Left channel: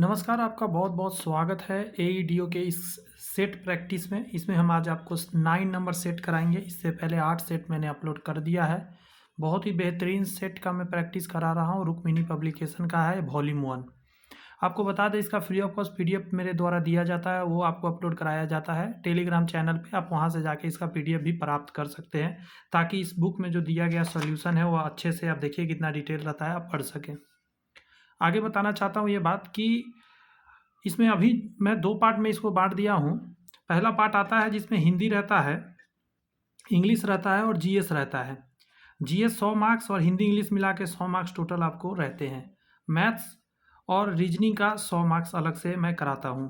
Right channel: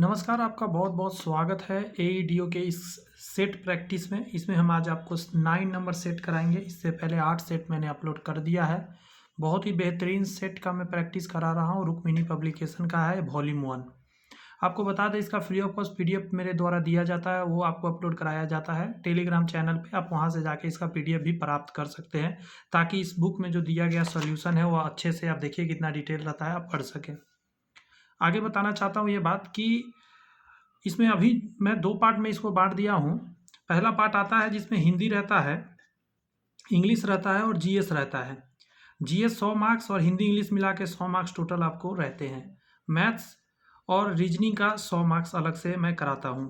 नमस्कार, आपका बहुत बहुत स्वागत है एईडीओ के इस सेट प्रैक्टिस में। इसमें हम आज आपको 9 नंबर सेट कराएंगे। इससे पहले 8 सेट मैंने अपलोड कर दिया है। बहुत ही बेहतरीन सेट का मैं प्रैक्टिस करा रहा हूँ। रुक्मिणी पब्लिकेशन का है, वॉल्यूम 1। आपको बता दें, इसका फ्री ऑफ कॉस्ट पीडीएफ मेरे द्वारा दिया जाता है, वो आपको अपलोड कराया जाता है टेलीग्राम चैनल पे। आप वहाँ से जाके इसका पीडीएफ भी प्राप्त कर सकते हैं, ताकि इस बुक में जो दिया गया सोल्यूशन है वो अच्छे से आप देखिए कितना डिटेल रहता है, आप पढ़ सकें। आगे बताना चाहता हूँ ये बात कि इसमें अभी मैं 2 पार्ट में इसको बांट दिया हूँ। पहला पार्ट आता है जिसमें हिंदी रहता है, इंग्लिश रहता है और जीएस रहता है। जीएस 100 मार्क्स और हिंदी इंग्लिश मिला के 100 मार्क्स टोटल आपको रहते हैं। मैथ्स और रीजनिंग का 100 मार्क्स अलग से मैं कराता हूँ।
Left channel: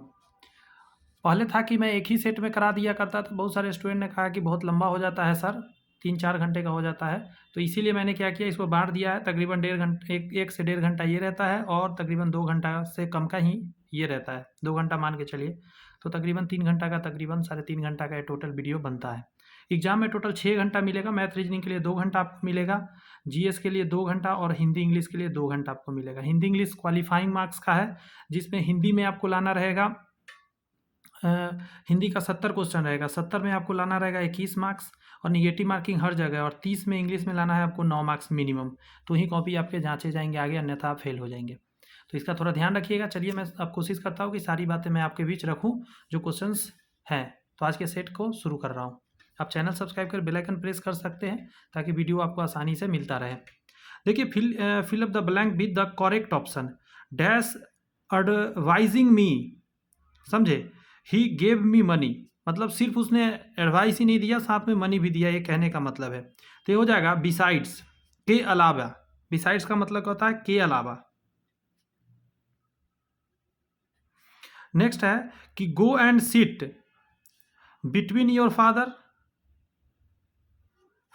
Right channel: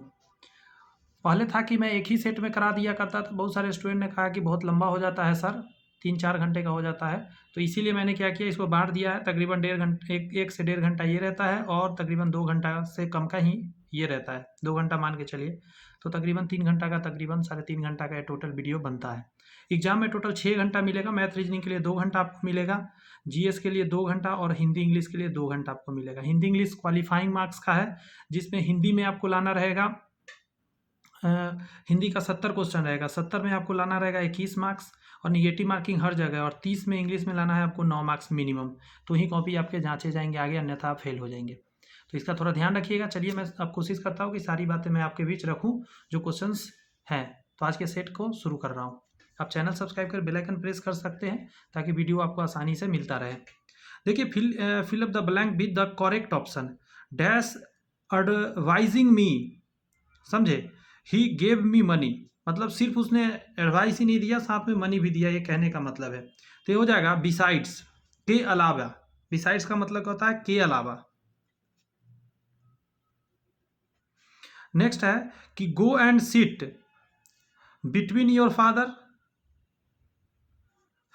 पहले था कि मैं एक ही सेट में करा दिया करता था। बहुत सारे स्टूडेंट ने कहा कि बहुत लंबा हो जाता है सर, 3-4 घंटे का हो जाता है। तो इसीलिए मैंने क्या किया, इसको बांट दिया है। तकरीबन 1 से 1.5 घंटा ये रहता है और तकरीबन 2 घंटा से कम का ही ये रहता है। 2 घंटा मान के चलिए, तो तकरीबन 3 घंटा का, तकरीबन 3.5 घंटा का ये टोटल वीडियो बनता है। एग्जाम में टोटल 6 घंटा मिलेगा। मैथ रीजनिंग के लिए 2 घंटा आपको मिलेगा, जीएस के लिए 2 घंटा और हिंदी इंग्लिश के लिए 2 घंटा आपको मिलेगा। हिंदी इंग्लिश क्वालिफाइंग मार्क्स का है, जिसमें हिंदी में आपको लाना रहेगा हिंदी का 70 क्वेश्चन रहेगा। 70 में आपको लाना रहेगा 21 मार्क्स और निगेटिव मार्किंग हर जगह। और 30 में इंग्लिश में लाना है आपको 9 मार्क्स मिनिमम। तो ही कॉपी आपके जांचे जाएंगे आगे, अन्यथा आप फेल हो जाएंगे। तो इसका थोड़ा ध्यान रखिएगा। चलिए, मैं अब कोशिश करता हूँ कि सारी बातें मैं आपके बीच रखूँ जो क्वेश्चंस हैं। तो आज के सेट को शुरू कर रहा हूँ। आप चैनल सब्सक्राइब कर बेल आइकन प्रेस कर सकते हैं, ताकि वीडियो आपको आसानी से मिलता रहे। देखिए, fill up the blank with the correct option. Dash advising me, समझे, ही गेव मी मनी, मतलब सिर्फ उसने एडवाइस ही नहीं दिया, साथ में मनी भी दिया, ये कहने का मतलब है। तो ये हो जाएगा बिसाइड्स, के अलावा। बिसाइड्स का मतलब क्या होता है? के अलावा। नेक्स्ट है कि go and sit between your father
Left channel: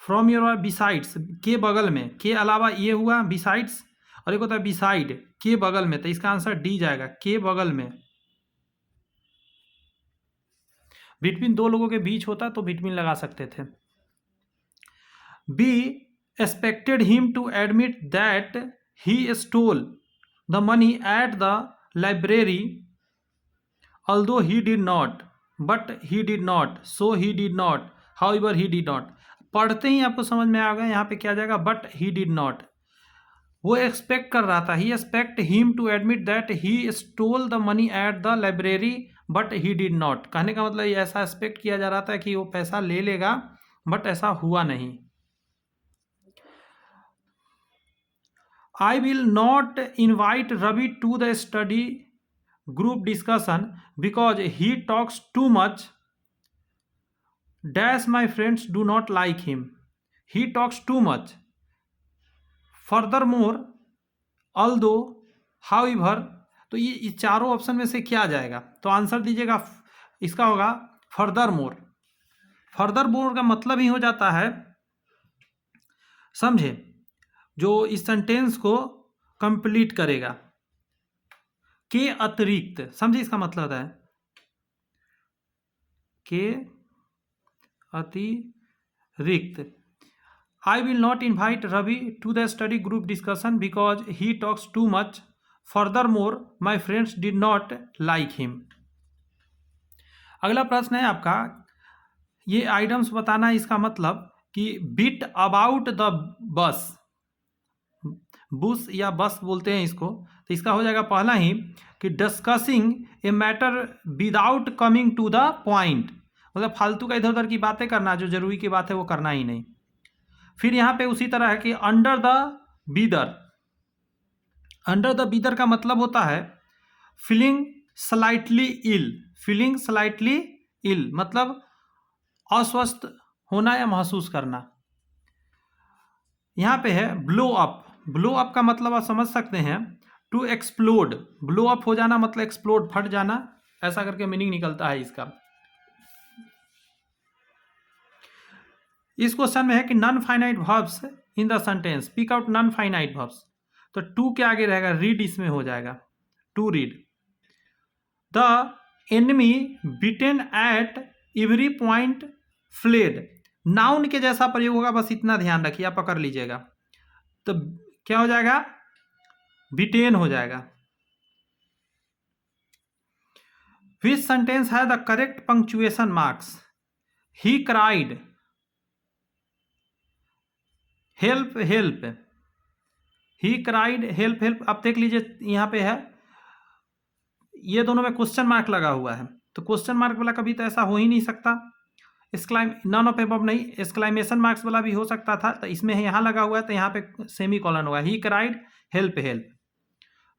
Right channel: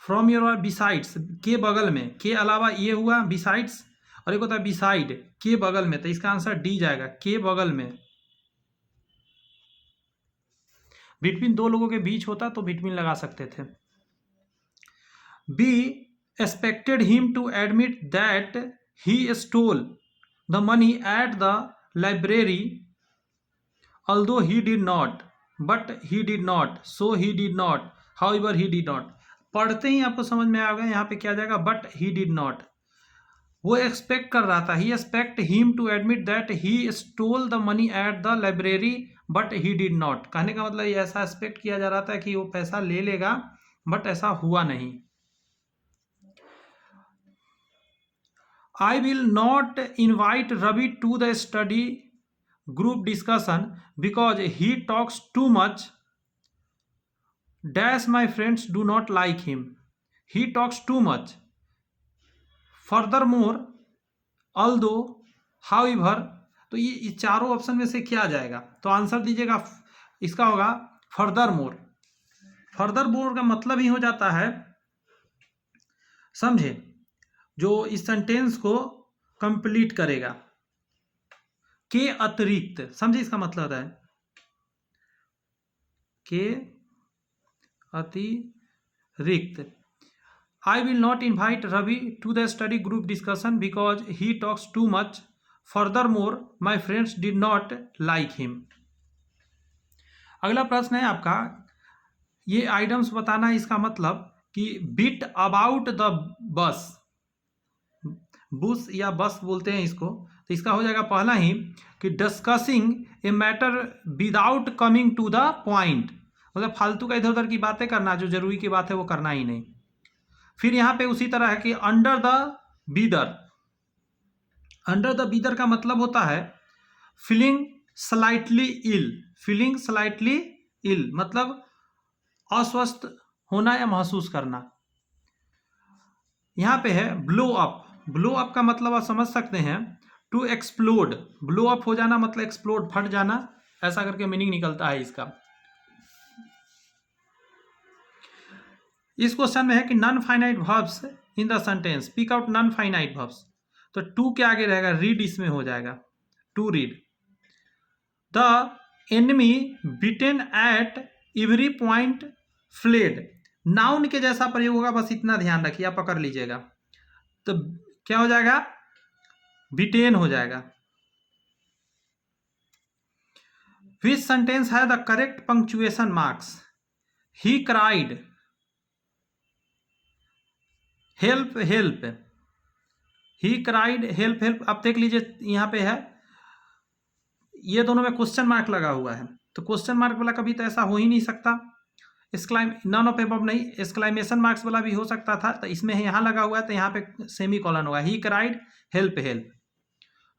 from your, besides के बगल में, के अलावा ये हुआ बिसाइड्स, और एक होता है बिसाइड के बगल में। तो इसका आंसर डी जाएगा, के बगल में। बिटवीन दो लोगों के बीच होता तो बिटवीन लगा सकते थे। B expected him to admit that he stole the money at the library, although he did not, but he did not, so he did not, however he did not। पढ़ते ही आपको समझ में आ गया यहाँ पे क्या आ जाएगा, बट ही डिड नॉट। वो एक्सपेक्ट कर रहा था, he expect him to admit that he stole the money at the library but he did not. कहने का मतलब ये ऐसा एक्सपेक्ट किया जा रहा था कि वो पैसा ले लेगा, बट ऐसा हुआ नहीं। I will not invite Ravi to the study group discussion because he talks too much. Dash my friends do not like him. He talks too much. Furthermore, although, however। तो ये चारों ऑप्शन में से क्या आ जाएगा? तो आंसर दीजिएगा, इसका होगा फर्दर मोर। फर्दर मोर का मतलब ही हो जाता है, समझे, जो इस सेंटेंस को कंप्लीट करेगा। के अतिरिक्त, समझे इसका मतलब होता है के अतिरिक्त। I will not invite Ravi to the study group discussion because he talks too much. Further more my friends did not like him. अगला प्रश्न है आपका, ये आइटम्स बताना है। इसका मतलब कि बिट अबाउट द बस, बुस या बस बोलते हैं इसको। तो इसका हो जाएगा पहला ही कि discussing a matter without coming to the point, मतलब फालतू का इधर उधर की बातें करना, जो जरूरी की बात है वो करना ही नहीं। फिर यहाँ पे उसी तरह है कि under the weather. Under the weather का मतलब होता है feeling slightly ill. Feeling slightly ill मतलब अस्वस्थ होना या महसूस करना। यहाँ पे है ब्लो अप। ब्लो अप का मतलब आप समझ सकते हैं, टू एक्सप्लोड। ब्लो अप हो जाना मतलब एक्सप्लोड, फट जाना, ऐसा करके मीनिंग निकलता है इसका। इस क्वेश्चन में है कि non finite verbs in the sentence, pick out non finite verbs. तो टू के आगे रहेगा रीड, इसमें हो जाएगा to read. The enemy beaten at every point fled. Noun के जैसा प्रयोग होगा, बस इतना ध्यान रखिए, आप पकड़ लीजिएगा। तो क्या हो जाएगा? बिटेन हो जाएगा। विच सेंटेंस है the correct punctuation marks? He cried, help help, he cried, help help. आप देख लीजिए यहाँ पे है, ये दोनों में क्वेश्चन मार्क लगा हुआ है, तो क्वेश्चन मार्क वाला कभी तो ऐसा हो ही नहीं सकता। नन ऑफ एबव नहीं, एक्सक्लामेशन मार्क्स वाला भी हो सकता था, तो इसमें यहाँ लगा हुआ है तो यहाँ पे सेमी कॉलन होगा, he cried help help.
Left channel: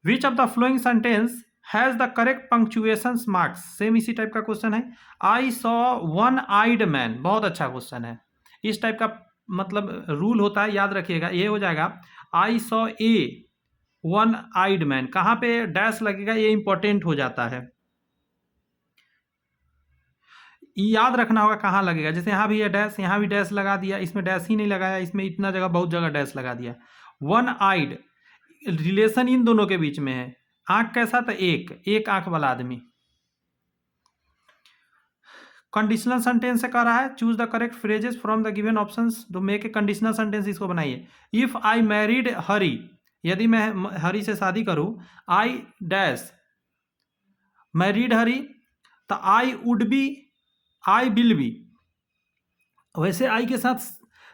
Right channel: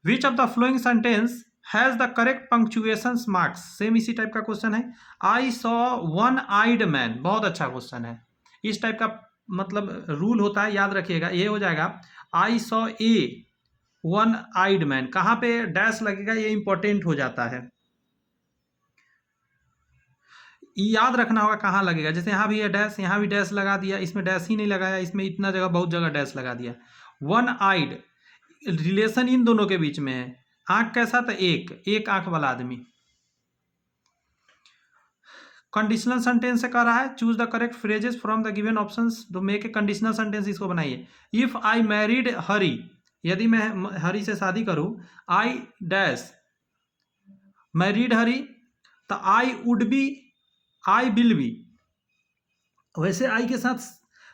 Which of the following sentence has the correct punctuation marks? Same इसी टाइप का क्वेश्चन है। I saw one eyed man, बहुत अच्छा क्वेश्चन है। इस टाइप का मतलब रूल होता है, याद रखिएगा। ये हो जाएगा I saw a one eyed man, कहाँ पे डैश लगेगा ये इंपॉर्टेंट हो जाता है, याद रखना होगा कहाँ लगेगा। जैसे यहाँ भी है डैश, यहाँ भी डैश लगा दिया, इसमें डैश ही नहीं लगाया, इसमें इतना जगह बहुत जगह डैश लगा दिया। वन आइड, रिलेशन इन दोनों के बीच में है। आंख कैसा था? एक आंख वाला आदमी। कंडीशनल सेंटेंस से कह रहा है choose the correct phrases from the given options to make a conditional sentence, इसको बनाइए। इफ आई मैरिड हरी, यदि मैं हरी से शादी करूं, आई डैश मैरिड हरी, तो I would be, I will be. वैसे आई के साथ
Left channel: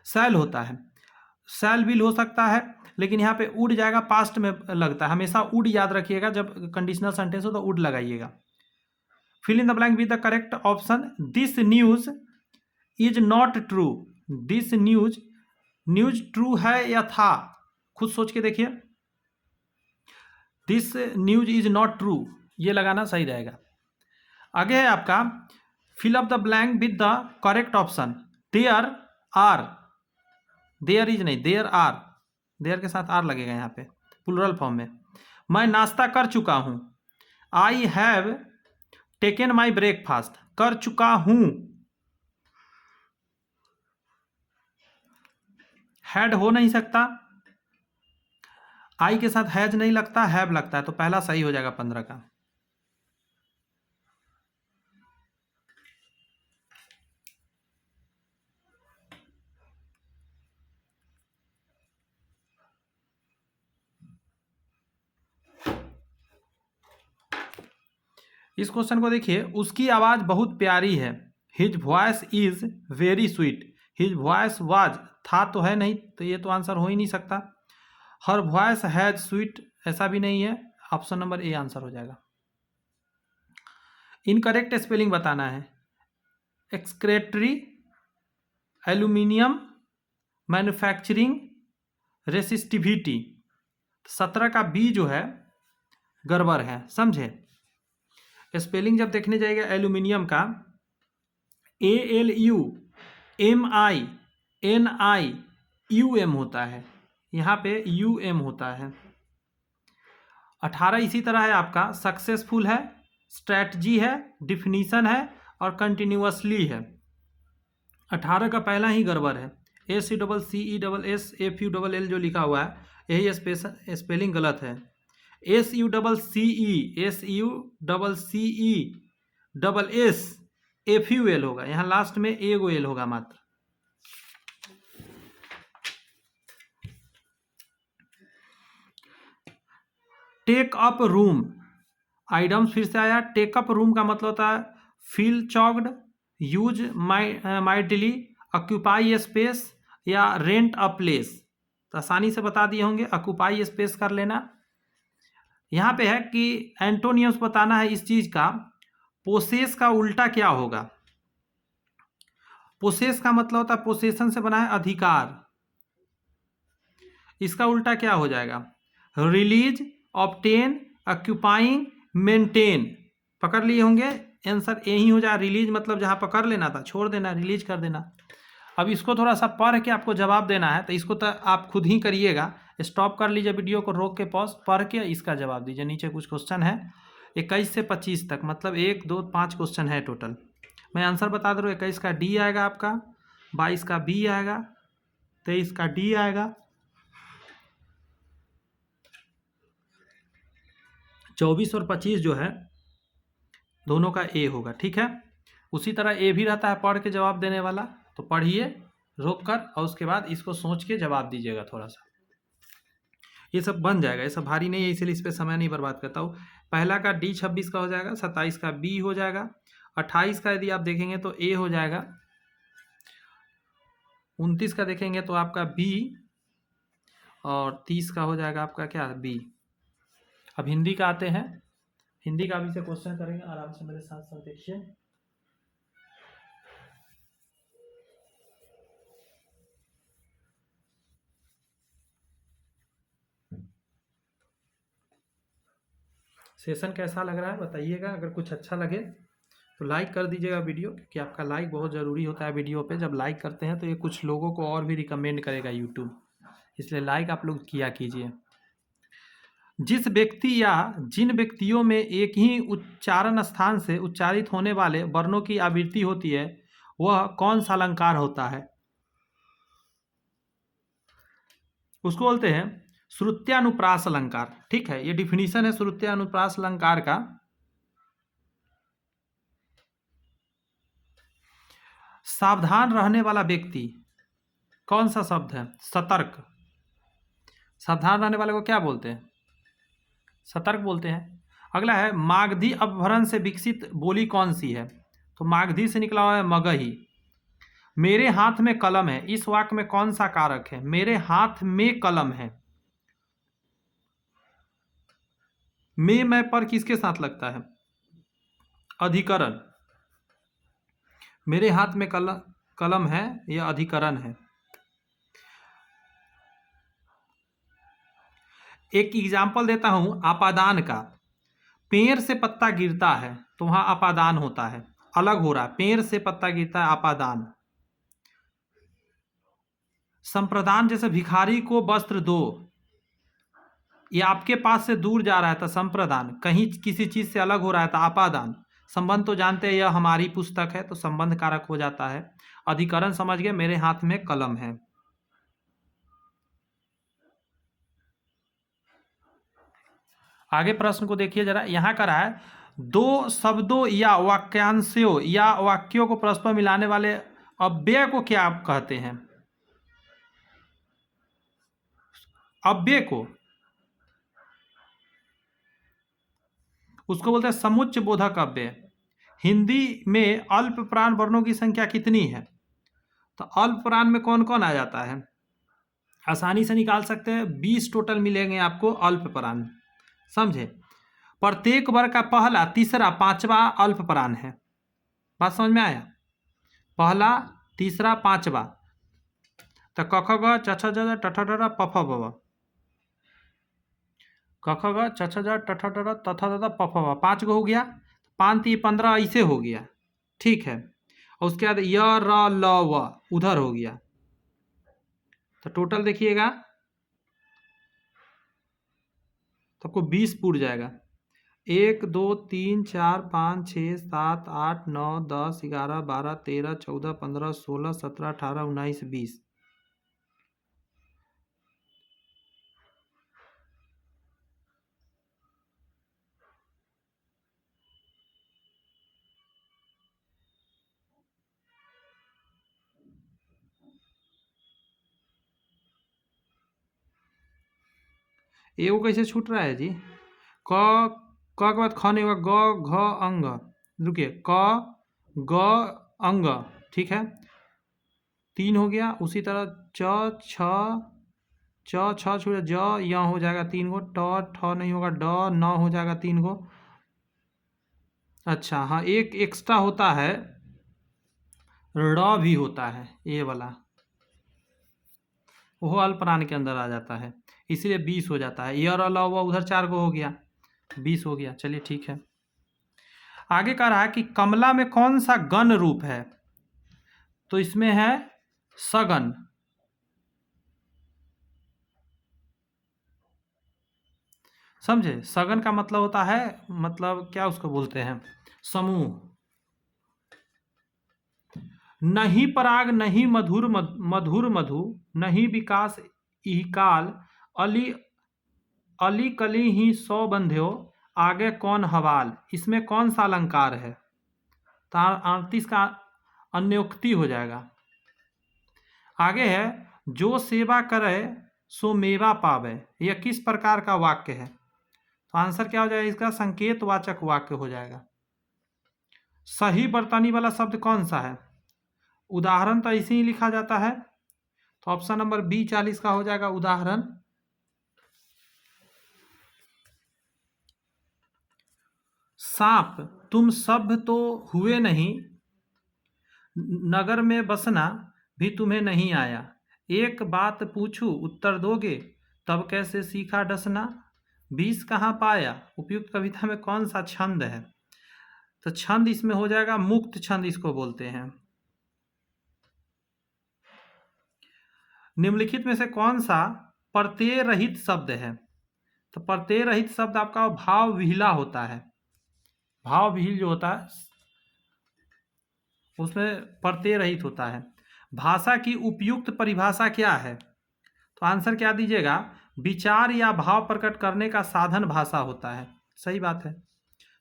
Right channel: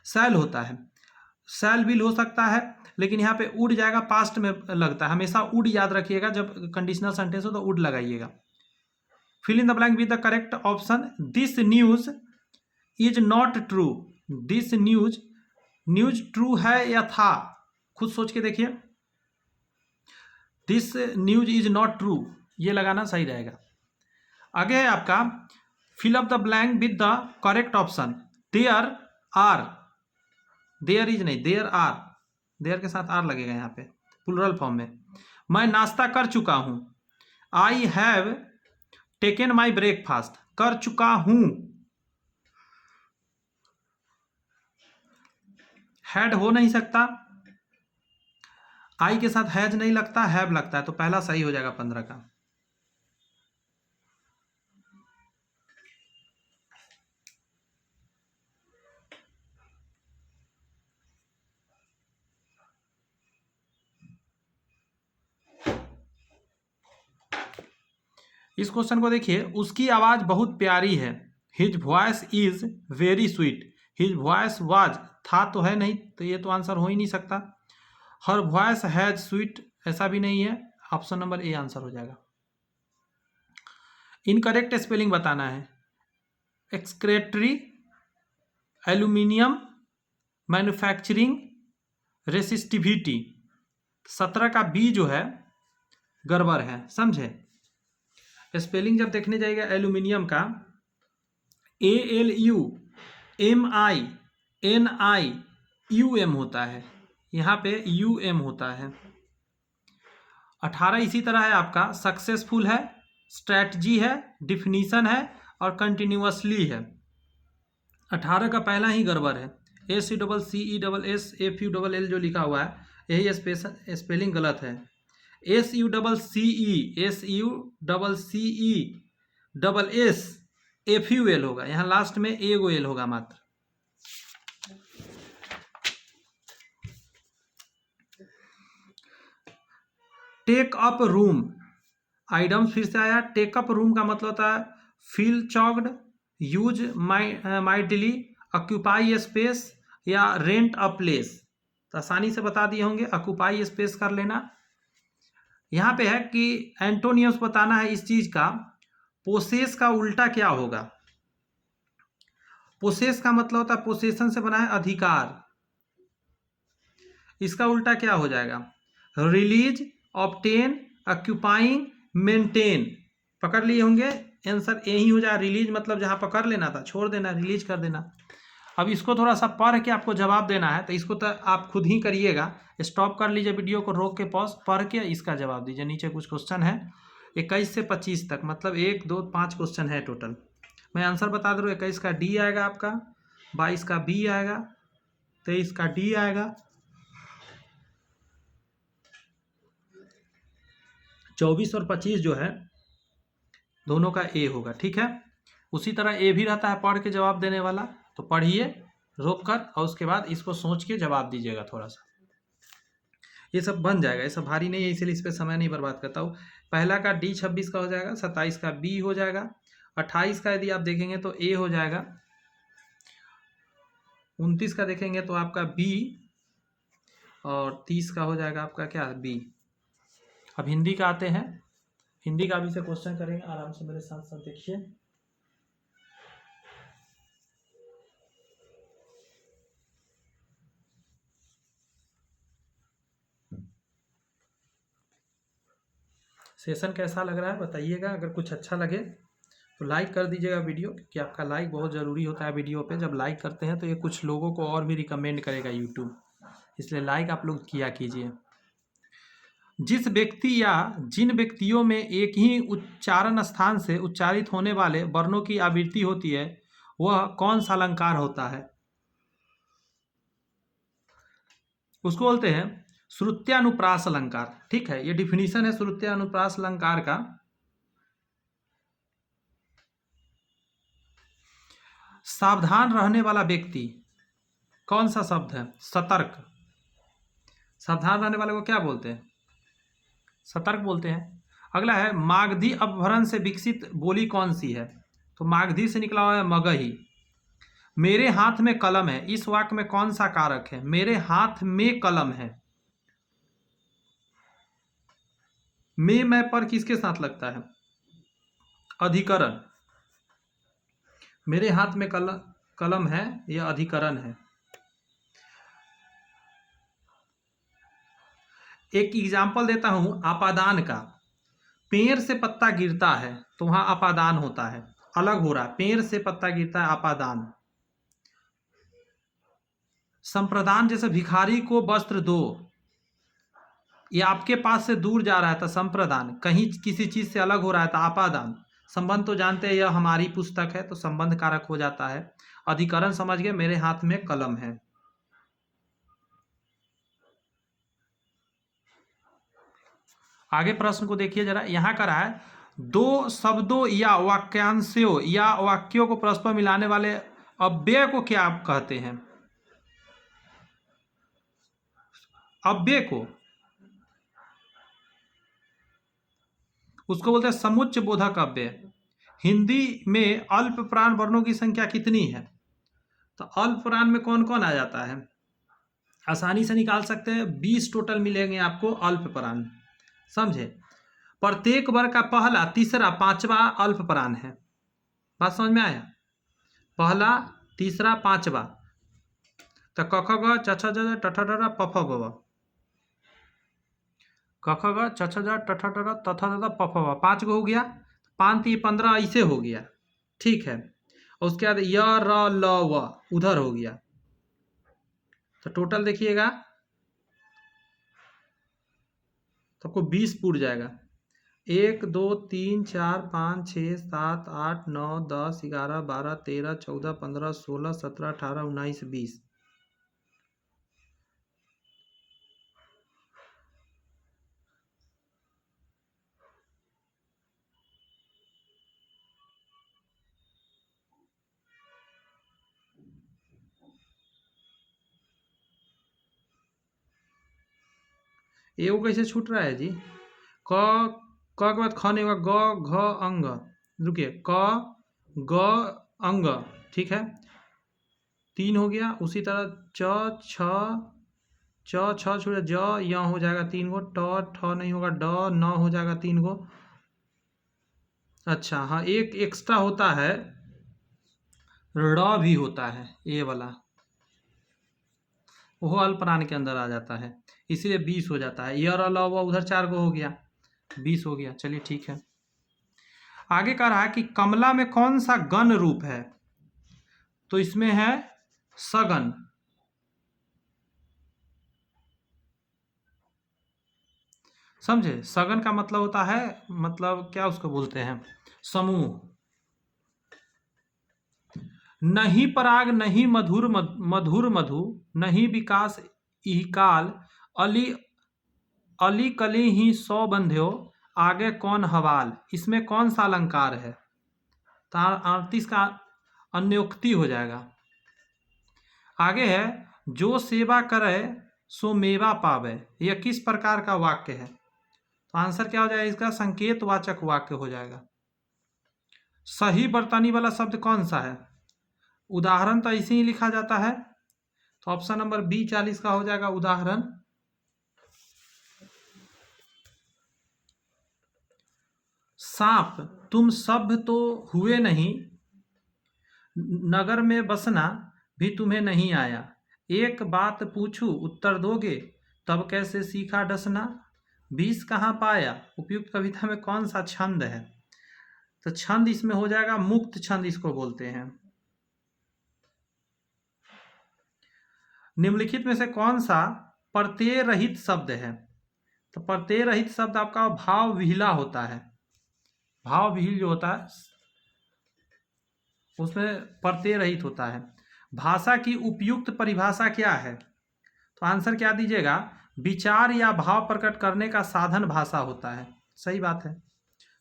सैल होता है, सैल विल हो सकता है, लेकिन यहाँ पे वुड जाएगा, पास्ट में लगता है। हमेशा वुड याद रखिएगा, जब कंडीशनल सेंटेंस हो तो वुड लगाइएगा। Fill in the blank with the correct option. This news is not true, this news, news true है या था, खुद सोच के देखिए। This news is not true, ये लगाना सही रहेगा। आगे है आपका fill up the blank with the correct option. There are, there is नहीं, देयर आर, देयर के साथ आर लगेगा यहाँ पे प्लूरल फॉर्म में। मैं नाश्ता कर चुका हूं, I have taken my breakfast, कर चुका हूं। हैड हो नहीं सकता, आई के साथ हैज नहीं लगता, हैव लगता है, तो पहला सही हो जाएगा 15 का। इस क्वेश्चन को देखिए, उसकी आवाज बहुत प्यारी है, his voice is very sweet, his voice was, था तो है नहीं, तो ये तो आंसर हो ही नहीं सकता। हर वॉइस हैज स्वीट, ऐसा भी नहीं है, ऑप्शन नंबर ए आंसर हो जाएगा। इनकरेक्ट स्पेलिंग बताना है। एक्सक्रेटरी, एल्यूमिनियम, मैन्युफैक्चरिंग, रेसिस्टिविटी, 17 का बी जो है गड़बड़ है, समझे। स्पेलिंग जब देखने जाएगा एल्यूमिनियम का, ALUMINIUM होता है, यहाँ पे UM होता है। 18 इसी तरह है आपका, सक्सेसफुल है, स्ट्रैटजी है, डिफिनीशन है और कंटिन्यूअसली है। 18 का पहला ही गड़बड़ है, SUCCESSFULL जो लिखा हुआ है, यही स्पेलिंग गलत है। SUCCESSFUL होगा, यहाँ लास्ट में एगो एल होगा मात्र। टेक अप रूम, आइटम फिर से आया। टेक अप रूम का मतलब होता है feel choked, use mightily, occupy space या रेंट अ प्लेस। तो आसानी से बता दिए होंगे, ऑक्यूपाई स्पेस कर लेना। यहाँ पे है कि एंटोनियम्स बताना है इस चीज का। पोसेस का उल्टा क्या होगा? पोसेस का मतलब होता है पोसेशन से बना है अधिकार, इसका उल्टा क्या हो जाएगा? Release, obtain, occupying, maintain. पकड़ लिए होंगे, आंसर यही हो जाए। रिलीज मतलब जहां पकड़ लेना था छोड़ देना, रिलीज कर देना। अब इसको थोड़ा सा पढ़ के आपको जवाब देना है, तो इसको तो आप खुद ही करिएगा। स्टॉप कर लीजिए वीडियो को, रोक के पॉज, पढ़ के इसका जवाब दीजिए। नीचे कुछ क्वेश्चन है 21 से 25 तक, मतलब 1 2 5 क्वेश्चन है टोटल। मैं आंसर बता दे रहा हूँ। 21 का डी आएगा आपका, 22 का बी आएगा, 23 का डी आएगा, 24 और 25 जो है दोनों का ए होगा, ठीक है। उसी तरह ए भी रहता है पढ़ के जवाब देने वाला, तो पढ़िए रोक कर और उसके बाद इसको सोच के जवाब दीजिएगा। थोड़ा सा ये सब बन जाएगा, ये सब भारी नहीं है, इसलिए इस पर समय नहीं बर्बाद करता हूँ। पहला का डी 26 का हो जाएगा, 27 का बी हो जाएगा, 28 का यदि आप देखेंगे तो ए हो जाएगा, 29 का देखेंगे तो आपका बी, और 30 का हो जाएगा आपका क्या, बी। अब हिंदी का आते हैं, हिंदी का भी से क्वेश्चन करेंगे, आराम से मेरे साथ साथ देखिए। सेशन कैसा लग रहा है बताइएगा, अगर कुछ अच्छा लगे तो लाइक कर दीजिएगा वीडियो, क्योंकि आपका लाइक बहुत ज़रूरी होता है वीडियो पे। जब लाइक करते हैं तो ये कुछ लोगों को और भी रिकमेंड करेगा यूट्यूब, इसलिए लाइक आप लोग किया कीजिए। जिस व्यक्ति या जिन व्यक्तियों में एक ही उच्चारण स्थान से उच्चारित होने वाले वर्णों की आवृत्ति होती है, वह कौन सा अलंकार होता है? उसको बोलते हैं श्रुत्यानुप्रास अलंकार। ठीक है, ये डिफिनीशन है श्रुत्यानुप्रास अलंकार का। सावधान रहने वाला व्यक्ति, कौन सा शब्द है? सतर्क। सावधान रहने वाले को क्या बोलते हैं? सतर्क बोलते हैं। अगला है मागधी अपभ्रंश से विकसित बोली कौन सी है? तो मागधी से निकला हुआ है मगही। मेरे हाथ में कलम है, इस वाक्य में कौन सा कारक है? मेरे हाथ में कलम है, मैं पर किसके साथ लगता है? अधिकरण। मेरे हाथ में कलम है, यह अधिकरण है। एक एग्जाम्पल देता हूं आपादान का। पेड़ से पत्ता गिरता है तो वहां अपादान होता है, अलग हो रहा है, पेड़ से पत्ता गिरता है अपादान। संप्रदान, जैसे भिखारी को वस्त्र दो, ये आपके पास से दूर जा रहा है तो संप्रदान, कहीं किसी चीज से अलग हो रहा है तो अपादान। संबंध तो जानते हैं, यह हमारी पुस्तक है तो संबंध कारक हो जाता है। अधिकरण समझ गए, मेरे हाथ में कलम है। आगे प्रश्न को देखिए जरा, यहां का रहा है दो शब्दों या वाक्यांशों या वाक्यों को परस्पर मिलाने वाले अव्यय को क्या आप कहते हैं? अव्यय को उसको बोलते हैं समुच्चय बोधक अव्यय। हिंदी में अल्प प्राण वर्णों की संख्या कितनी है? तो अल्प प्राण में कौन कौन आ जाता है? आसानी से निकाल सकते हैं, 20 टोटल मिलेंगे आपको अल्प प्राण, समझे? प्रत्येक वर्ग का पहला, तीसरा, पांचवा अल्प प्राण है। बात समझ में आया? पहला, तीसरा, पांचवा। तो क ख ग छ छ ज झ ट ठ ड ढ़ प फ ब भ, क ख ग छ छ ज ट ठ ड ढ़ त थ द ध प फ ब, 5 गो हो गया। 5 3 15 ऐसे हो गया, ठीक है। और उसके बाद य र ल व उधर हो गया, तो टोटल देखिएगा तो आपको 20 पूर जाएगा। 1 2 3 4 5 6 7 8 9 10 11 12 13 14 15 16 17 18 19 20। एगो कैसे छूट रहा है जी? क के बाद ख नहीं होगा, ग घ अंग, रुकिए, क ग अंग, ठीक है, 3 हो गया। उसी तरह च छ छूट ज य हो जाएगा 3 गो, ट ठ नहीं होगा, ड न हो जाएगा 3 गो। अच्छा हाँ, एक एक्स्ट्रा होता है, ड़ भी होता है, ये वाला, वो अल्प प्राण के अंदर आ जाता है, इसीलिए 20 हो जाता है। य र ल व उधर 4 गो हो गया, 20 हो गया। चलिए ठीक है। आगे कह रहा है कि कमला में कौन सा गण रूप है? तो इसमें है सगन। समझे? सगन का मतलब होता है, मतलब क्या उसको बोलते हैं, समूह। नहीं पराग नहीं मधुर मधुर मधु, नहीं विकास इहकाल, अली अली कली ही सौ बंध्यो, आगे कौन हवाल। इसमें कौन सा अलंकार है? तो 38 का अन्योक्ति हो जाएगा। आगे है जो सेवा करे सो मेवा पावे, यह किस प्रकार का वाक्य है? तो आंसर क्या हो जाएगा इसका? संकेतवाचक वाक्य हो जाएगा। सही बरतनी वाला शब्द कौन सा है? उदाहरण तो ऐसे ही लिखा जाता है, तो ऑप्शन नंबर बी 40 का हो जाएगा उदाहरण। सांप तुम सभ्य तो हुए नहीं, नगर में बसना भी तुम्हें नहीं आया, एक बात पूछूं उत्तर दोगे, तब कैसे सीखा डसना, बीस कहाँ पाया। उपयुक्त कविता में कौन सा छंद है? तो छंद इसमें हो जाएगा मुक्त छंद, इसको बोलते हैं। निम्नलिखित में से कौन सा प्रत्यय रहित शब्द है? तो प्रत्यय रहित शब्द आपका भाव विहिला होता है। भाव विहिल जो होता है उसमें प्रत्यय रहित होता है। भाषा की उपयुक्त परिभाषा क्या है? तो आंसर क्या दीजिएगा? विचार या भाव प्रकट करने का साधन भाषा होता है। सही बात है।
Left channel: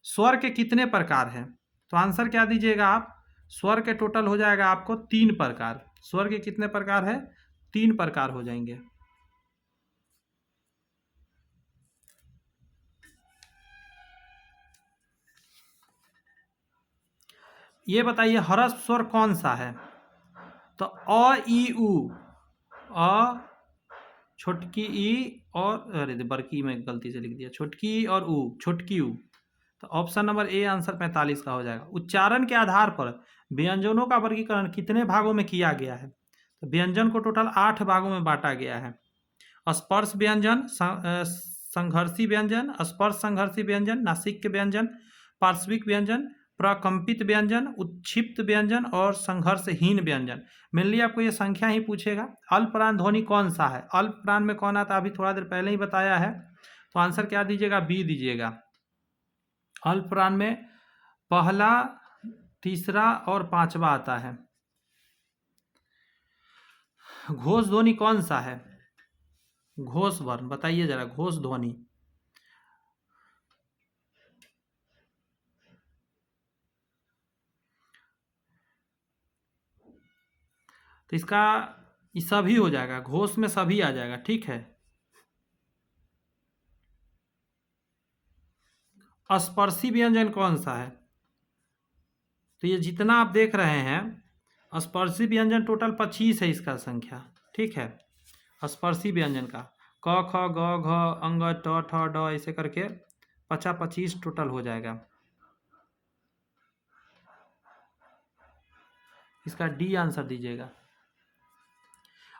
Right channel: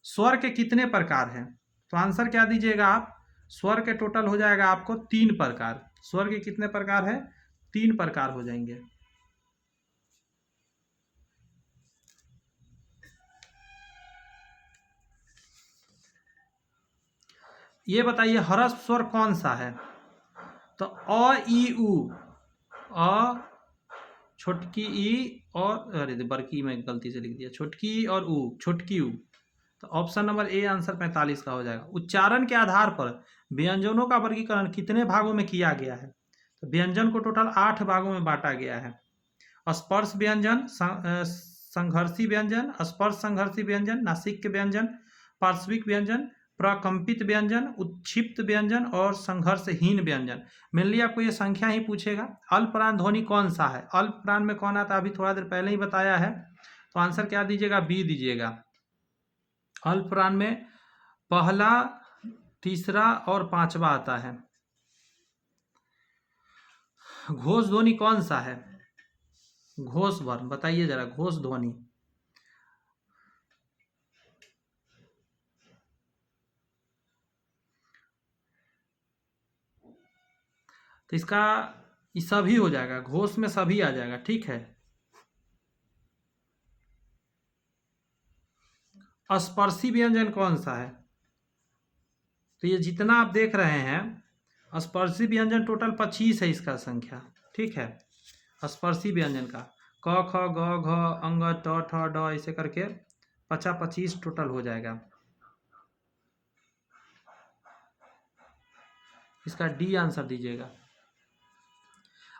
स्वर के कितने प्रकार हैं? तो आंसर क्या दीजिएगा आप? स्वर के टोटल हो जाएगा आपको 3 प्रकार। स्वर के कितने प्रकार है? 3 प्रकार हो जाएंगे। ये बताइए ह्रस्व स्वर कौन सा है? तो अ ई उ, अ छोटकी ई और अरे बड़की में गलती से लिख दिया, छोटकी ई और उ, छोटकी उ। तो ऑप्शन नंबर ए आंसर 45 का हो जाएगा। उच्चारण के आधार पर व्यंजनों का वर्गीकरण कितने भागों में किया गया है? तो व्यंजन को टोटल 8 भागों में बांटा गया है। स्पर्श व्यंजन, संघर्षी व्यंजन, स्पर्श संघर्षी व्यंजन, नासिक व्यंजन, पार्श्विक व्यंजन, प्रकंपित व्यंजन, उत्क्षिप्त व्यंजन और संघर्षहीन व्यंजन। मेनली आपको ये संख्या ही पूछेगा। अल्पप्राण ध्वनि कौन सा है? अल्पप्राण में कौन आता है? अभी थोड़ा देर पहले ही बताया है। तो आंसर क्या दीजिएगा? बी दीजिएगा। अल्पप्राण में पहला, तीसरा और पांचवा आता है। घोष ध्वनि कौन सा है? घोष वर्ण बताइए जरा, घोष ध्वनि। तो इसका ये सभी हो जाएगा, घोष में सभी आ जाएगा। ठीक है। स्पर्शी व्यंजन कौन सा है? तो ये जितना आप देख रहे हैं स्पर्शी व्यंजन टोटल 25 है इसका संख्या। ठीक है। स्पर्शी व्यंजन का क ख ग घ अंग ट ठ ड ऐसे करके 25 टोटल हो जाएगा। इसका डी आंसर दीजिएगा।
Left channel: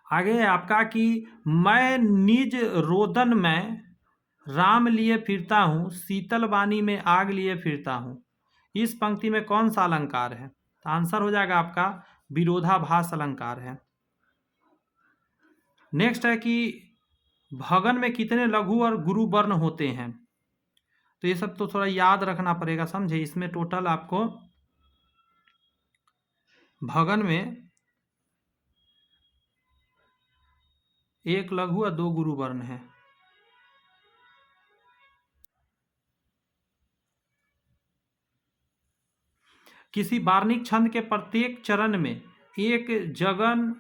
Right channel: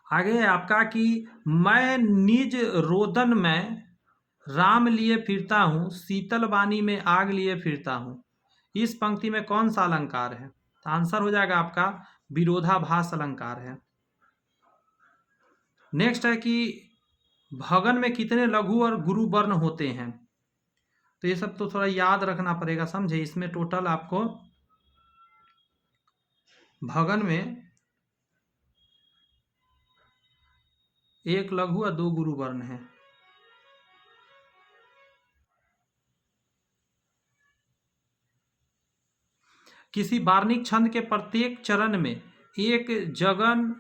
आगे है आपका कि मैं निज रोदन में राम लिए फिरता हूँ, शीतल वाणी में आग लिए फिरता हूँ। इस पंक्ति में कौन सा अलंकार है? तो आंसर हो जाएगा आपका विरोधाभास अलंकार है। नेक्स्ट है कि भगन में कितने लघु और गुरु वर्ण होते हैं? तो ये सब तो थोड़ा याद रखना पड़ेगा, समझे। इसमें टोटल आपको भगन में 1 लघु और 2 गुरु वर्ण है। किसी वार्णिक छंद के प्रत्येक चरण में एक जगन,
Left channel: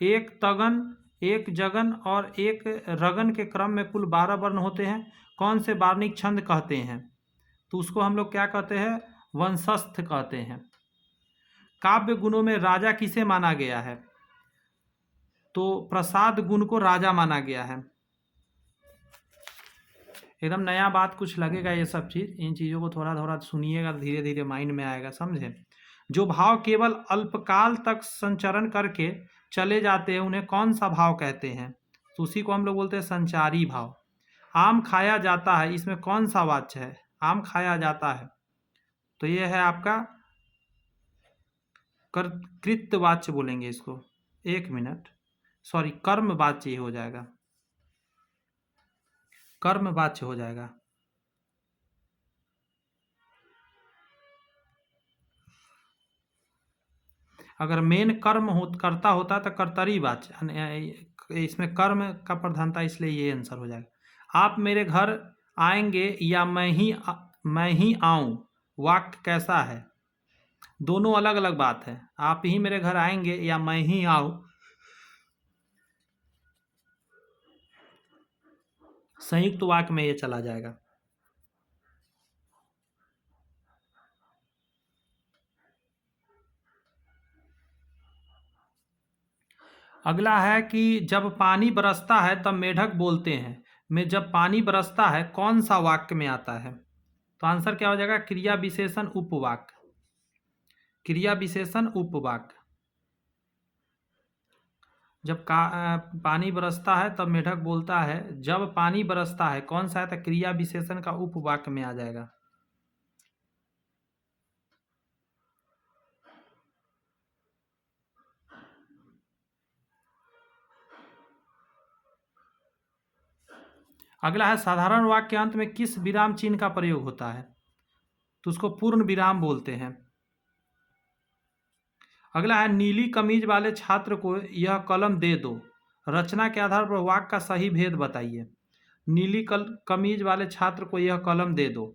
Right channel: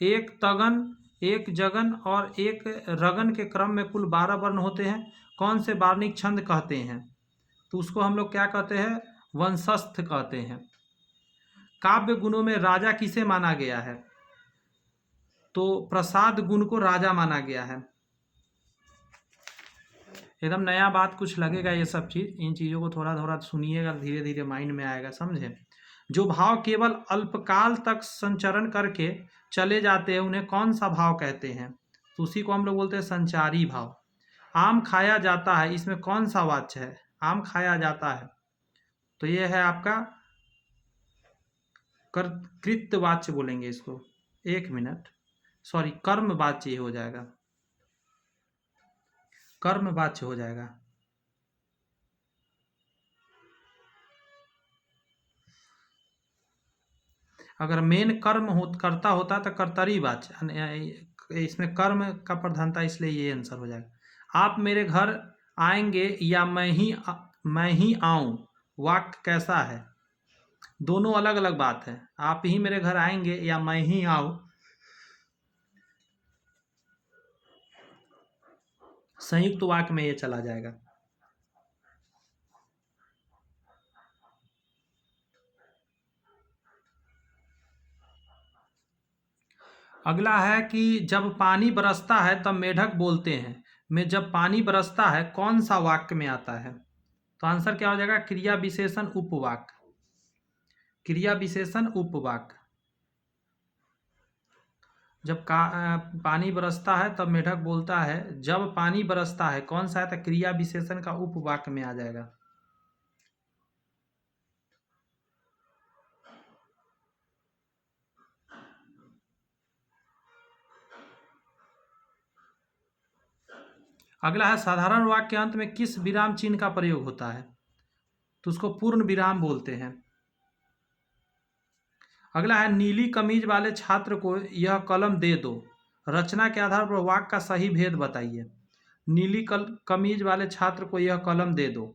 एक तगन, एक जगन और एक रगन के क्रम में कुल 12 वर्ण होते हैं। कौन से वार्णिक छंद कहते हैं? तो उसको हम लोग क्या कहते हैं? वंशस्थ कहते हैं। काव्य गुणों में राजा किसे माना गया है? तो प्रसाद गुण को राजा माना गया है। एकदम नया बात कुछ लगेगा ये सब चीज़, इन चीज़ों को थोड़ा थोड़ा सुनिएगा, धीरे धीरे माइंड में आएगा, समझे। जो भाव केवल अल्पकाल तक संचरण करके चले जाते हैं उन्हें कौन सा भाव कहते हैं? तो उसी को हम लोग बोलते हैं संचारी भाव। आम खाया जाता है, इसमें कौन सा वाच्य है? आम खाया जाता है, तो ये है आपका कृतवाच्य बोलेंगे इसको। 1 मिनट, सॉरी, कर्म वाच्य हो जाएगा, कर्म वाच्य हो जाएगा। अगर मेन कर्म करता होता तो कर्तरी वाच्य, इसमें कर्म का प्रधानता, इसलिए ये आंसर हो जाएगा। आप मेरे घर आएंगे या मैं ही आऊं, वाक्य कैसा है? दोनों अलग अलग बात है। आप ही मेरे घर आएंगे या मैं ही आऊं, संयुक्त वाक्य में ये चला जाएगा। अगला है कि जब पानी बरसता है तब मेढक बोलते हैं, में जब पानी बरसता है कौन सा वाक्य में आता है? तो आंसर क्या हो जाएगा? क्रिया विशेषण उपवाक्य। क्रिया विशेषण उपवाक्य। जब पानी बरसता है तब मेढक बोलता है, जब पानी बरसता है कौन सा है? तो क्रिया विशेषण का उपवाक्य में आ जाएगा। अगला है साधारण वाक्य के अंत में किस विराम चिन्ह का प्रयोग होता है? तो उसको पूर्ण विराम बोलते हैं। अगला है नीली कमीज वाले छात्र को यह कलम दे दो, रचना के आधार पर वाक्य का सही भेद बताइए। नीली कमीज वाले छात्र को यह कलम दे दो,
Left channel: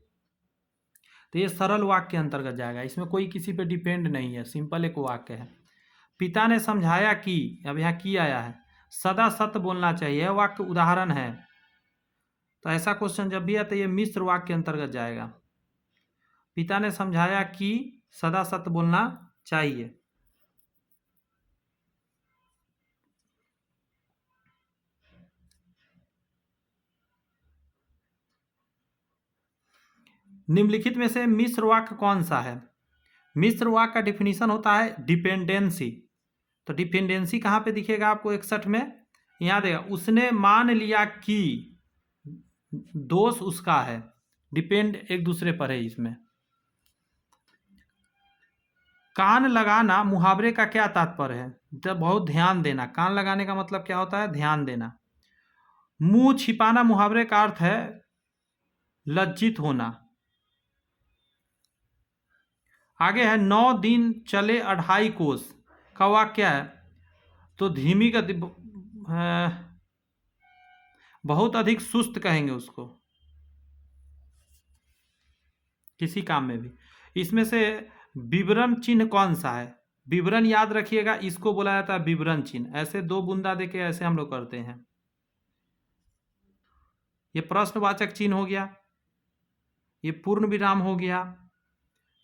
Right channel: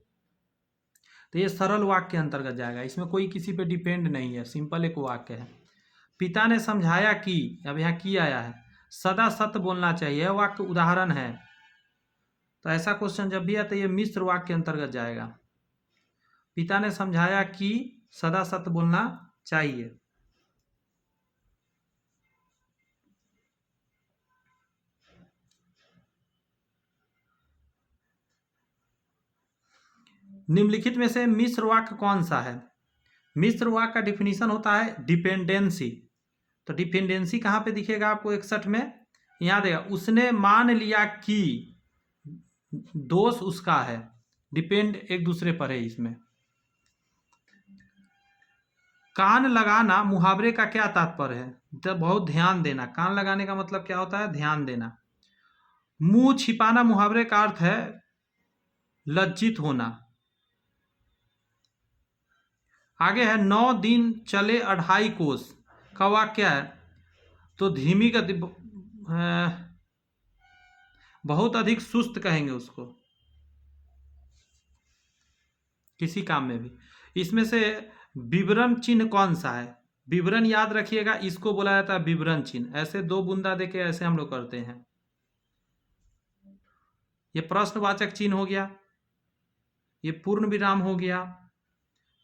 तो ये सरल वाक्य के अंतर्गत जाएगा, इसमें कोई किसी पे डिपेंड नहीं है, सिंपल एक वाक्य है। पिता ने समझाया कि, अब यहाँ की आया है, सदा सत्य बोलना चाहिए, यह वाक्य उदाहरण है। तो ऐसा क्वेश्चन जब भी है तो ये मिश्र वाक्य के अंतर्गत जाएगा। पिता ने समझाया कि सदा सत्य बोलना चाहिए। निम्नलिखित में से मिश्र वाक्य कौन सा है? मिश्र वाक्य का डिफिनीशन होता है डिपेंडेंसी। तो डिपेंडेंसी कहाँ पे दिखेगा आपको? 61 में यहाँ देगा, उसने मान लिया कि दोष उसका है। डिपेंड एक दूसरे पर है इसमें। कान लगाना मुहावरे का क्या तात्पर्य है? तो बहुत ध्यान देना। कान लगाने का मतलब क्या होता है? ध्यान देना। मुंह छिपाना मुहावरे का अर्थ है लज्जित होना। आगे है 9 दिन चले 2.5 कोस का वाक्य है, तो धीमी गति, बहुत अधिक सुस्त कहेंगे उसको किसी काम में भी। इसमें से विवरण चिन्ह कौन सा है? विवरण याद रखिएगा, इसको बोला जाता है विवरण चिन्ह। ऐसे 2 बूंदा देके ऐसे हम लोग करते हैं। ये प्रश्नवाचक चिन्ह हो गया, ये पूर्ण विराम हो गया,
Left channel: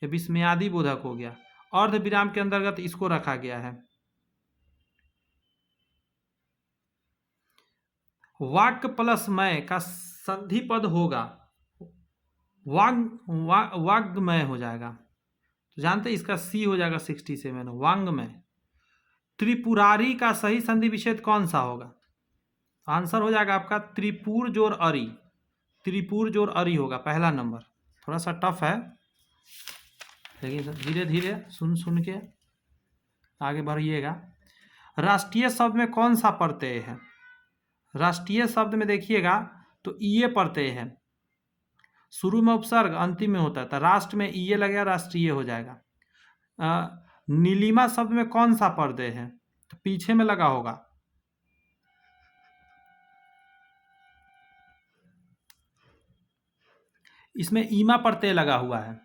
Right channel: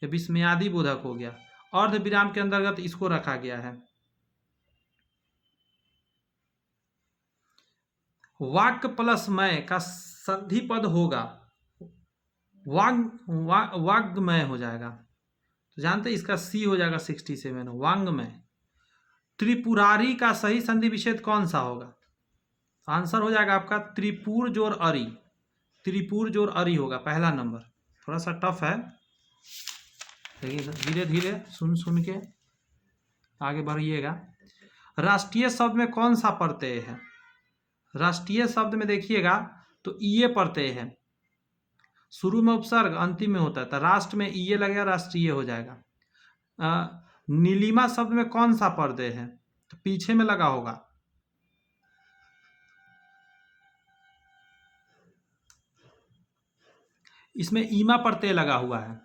ये विस्मयादि बोधक हो गया। अर्ध विराम के अंतर्गत इसको रखा गया है। वाक्य प्लस मैं का संधि पद होगा, वाग्मय हो जाएगा। तो जानते हैं इसका सी हो जाएगा 67, वांग्मय। त्रिपुरारी का सही संधि विच्छेद कौन सा होगा? आंसर हो जाएगा आपका त्रिपुर जोर अरी। त्रिपुर जोर अरी होगा पहला नंबर। थोड़ा सा टफ है, लेकिन धीरे धीरे सुन सुन के आगे बढ़िएगा। राष्ट्रीय शब्द में कौन सा प्रत्यय है? राष्ट्रीय शब्द में देखिएगा तो ईए प्रत्यय है, शुरू में उपसर्ग, अंतिम में होता है, तो राष्ट्र में ईए लगेगा, राष्ट्रीय हो जाएगा। नीलिमा शब्द में कौन सा प्रत्यय है? तो पीछे में लगा होगा। इसमें ईमा प्रत्यय लगा हुआ है।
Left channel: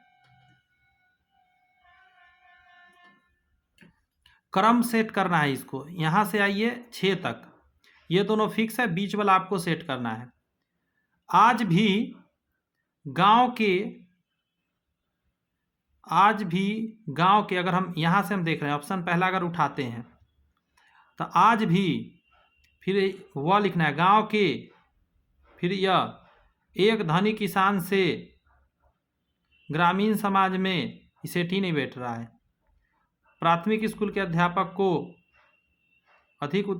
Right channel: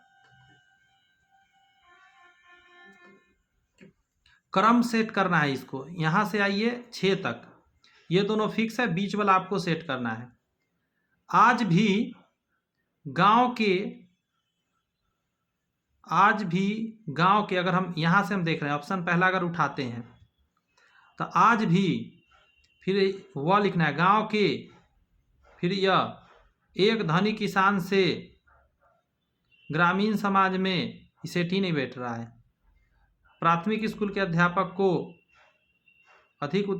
क्रम सेट करना है इसको, यहां से आइए 6 तक, ये दोनों फिक्स है, बीच वाला आपको सेट करना है। आज भी गांव के, अगर हम यहां से हम देख रहे हैं, ऑप्शन पहला अगर उठाते हैं तो आज भी, फिर वह लिखना है गांव के, फिर यह एक धनी किसान से ग्रामीण समाज में, सेट ही नहीं बैठ रहा है। प्राथमिक स्कूल के अध्यापक को अधिक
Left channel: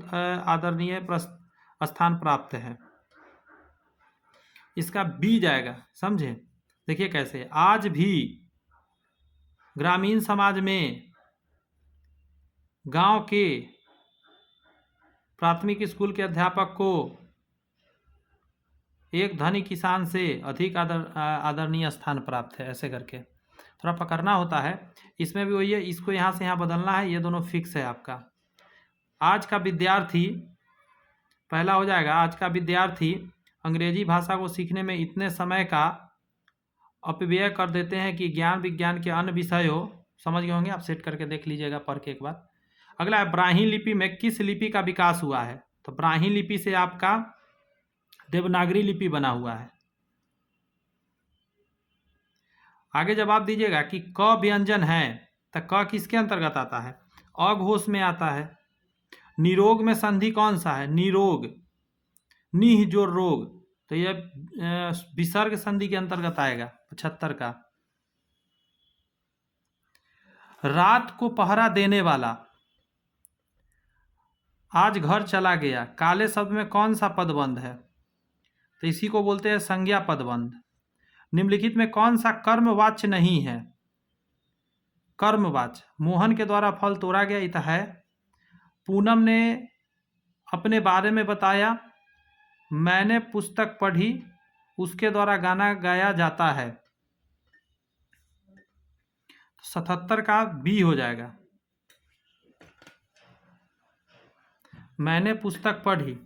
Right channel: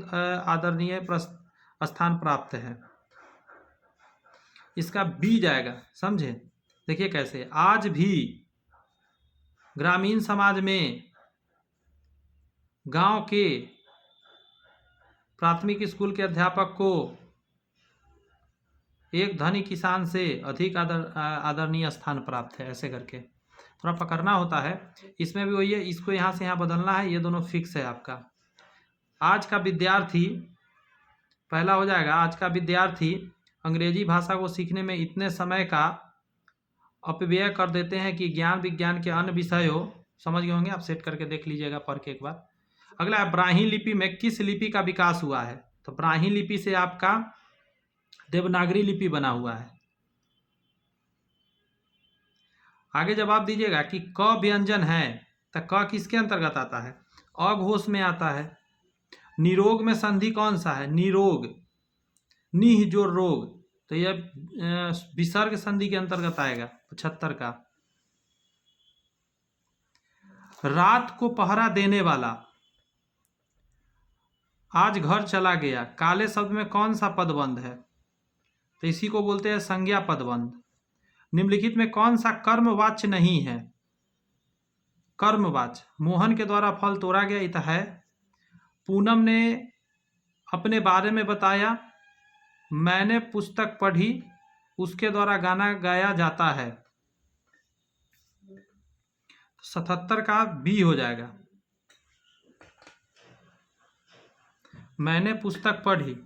आदरणीय स्थान प्राप्त है। इसका बी जाएगा, समझे? देखिए कैसे, आज भी ग्रामीण समाज में गांव के प्राथमिक स्कूल के अध्यापक को एक धनी किसान से अधिक आदरणीय स्थान प्राप्त है। ऐसे करके थोड़ा पकड़ना होता है। इसमें भी वही है, इसको यहाँ से यहाँ बदलना है, ये दोनों फिक्स है आपका। आज का विद्यार्थी पहला हो जाएगा। आज का विद्यार्थी अंग्रेजी भाषा को सीखने में इतने समय का अपव्यय कर देते हैं कि ज्ञान विज्ञान के अन्य विषय हो, समझ गए होंगे आप, सेट करके देख लीजिएगा पढ़ के एक बार। अगला है ब्राह्मी लिपि में किस लिपि का विकास हुआ है? तो ब्राह्मी लिपि से आपका देवनागरी लिपि बना हुआ है। आगे जवाब दीजिएगा कि क व्यंजन है, तो क किसके अंतर्गत आता है? अघोष में आता है। निरोग में संधि कौन सा है? निरोग, निह जो रोग, तो यह विसर्ग संधि के अंतर्गत आएगा 75 का। रात को पहरा देने वाला, आज घर चला गया, काले शब्द में कौन सा पदबंध है? तो इसी को बोलते हैं संज्ञा पदबंध। निम्नलिखित में कौन सा कर्मवाच्य नहीं है? कर्मवाच्य, मोहन के द्वारा फल तोड़ा गया, इत है। पूनम ने अपने बारे में बताया, मैंने पुस्तक पढ़ी, उसके द्वारा गाना गाया जाता है। 77 का बी हो जाएगा। मैंने पुस्तक पढ़ी,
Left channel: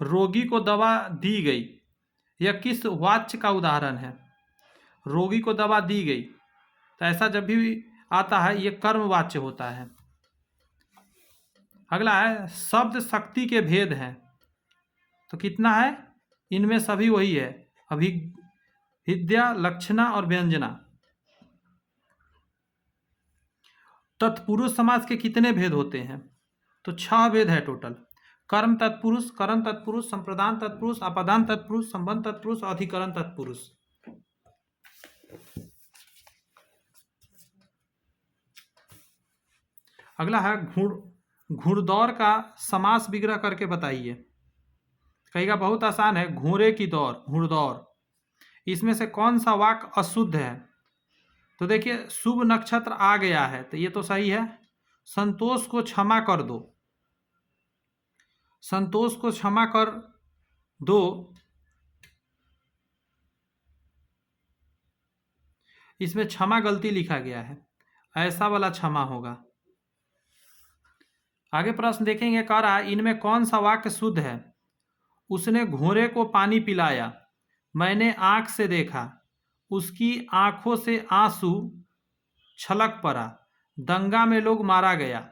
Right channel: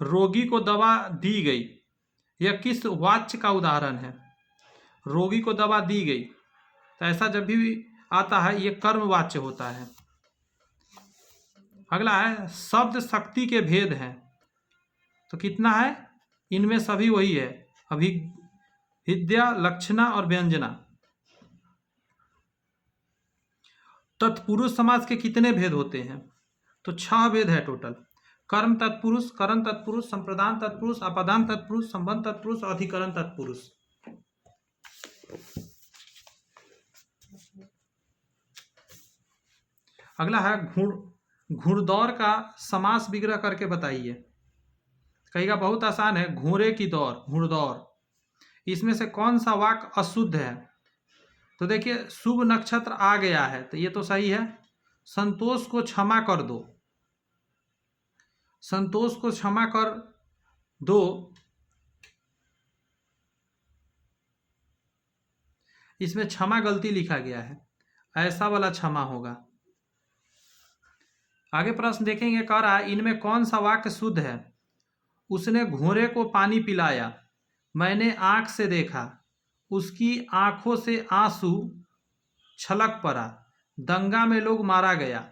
रोगी को दवा दी गई, यह किस वाच्य का उदाहरण है? रोगी को दवा दी गई, तो ऐसा जब भी आता है यह कर्मवाच्य होता है। अगला है शब्द शक्ति के भेद हैं, तो कितना है? इनमें सभी वही है, अभिविद्या, लक्षणा और व्यंजना। तत्पुरुष समास के कितने भेद होते हैं? तो 6 भेद है टोटल। कर्म तत्पुरुष, करण तत्पुरुष, संप्रदान तत्पुरुष, अपदान तत्पुरुष, संबंध तत्पुरुष, अधिकरण तत्पुरुष। अगला है घुड़दौड़ का समास विग्रह करके बताइए। कहेगा बहुत आसान है, घोड़े की दौड़, घुड़दौड़। इसमें से कौन सा वाक्य अशुद्ध है? तो देखिए शुभ नक्षत्र आ गया है, तो ये तो सही है। संतोष को क्षमा कर दो, संतोष को क्षमा कर दो, इसमें क्षमा गलती लिखा गया है, ऐसा वाला क्षमा होगा। आगे प्रश्न देखेंगे, कह रहा है इनमें कौन सा वाक्य शुद्ध है? उसने घोड़े को पानी पिलाया, मैंने आंख से देखा, उसकी आंखों से आंसू छलक पड़ा, दंगा में लोग मारा गया,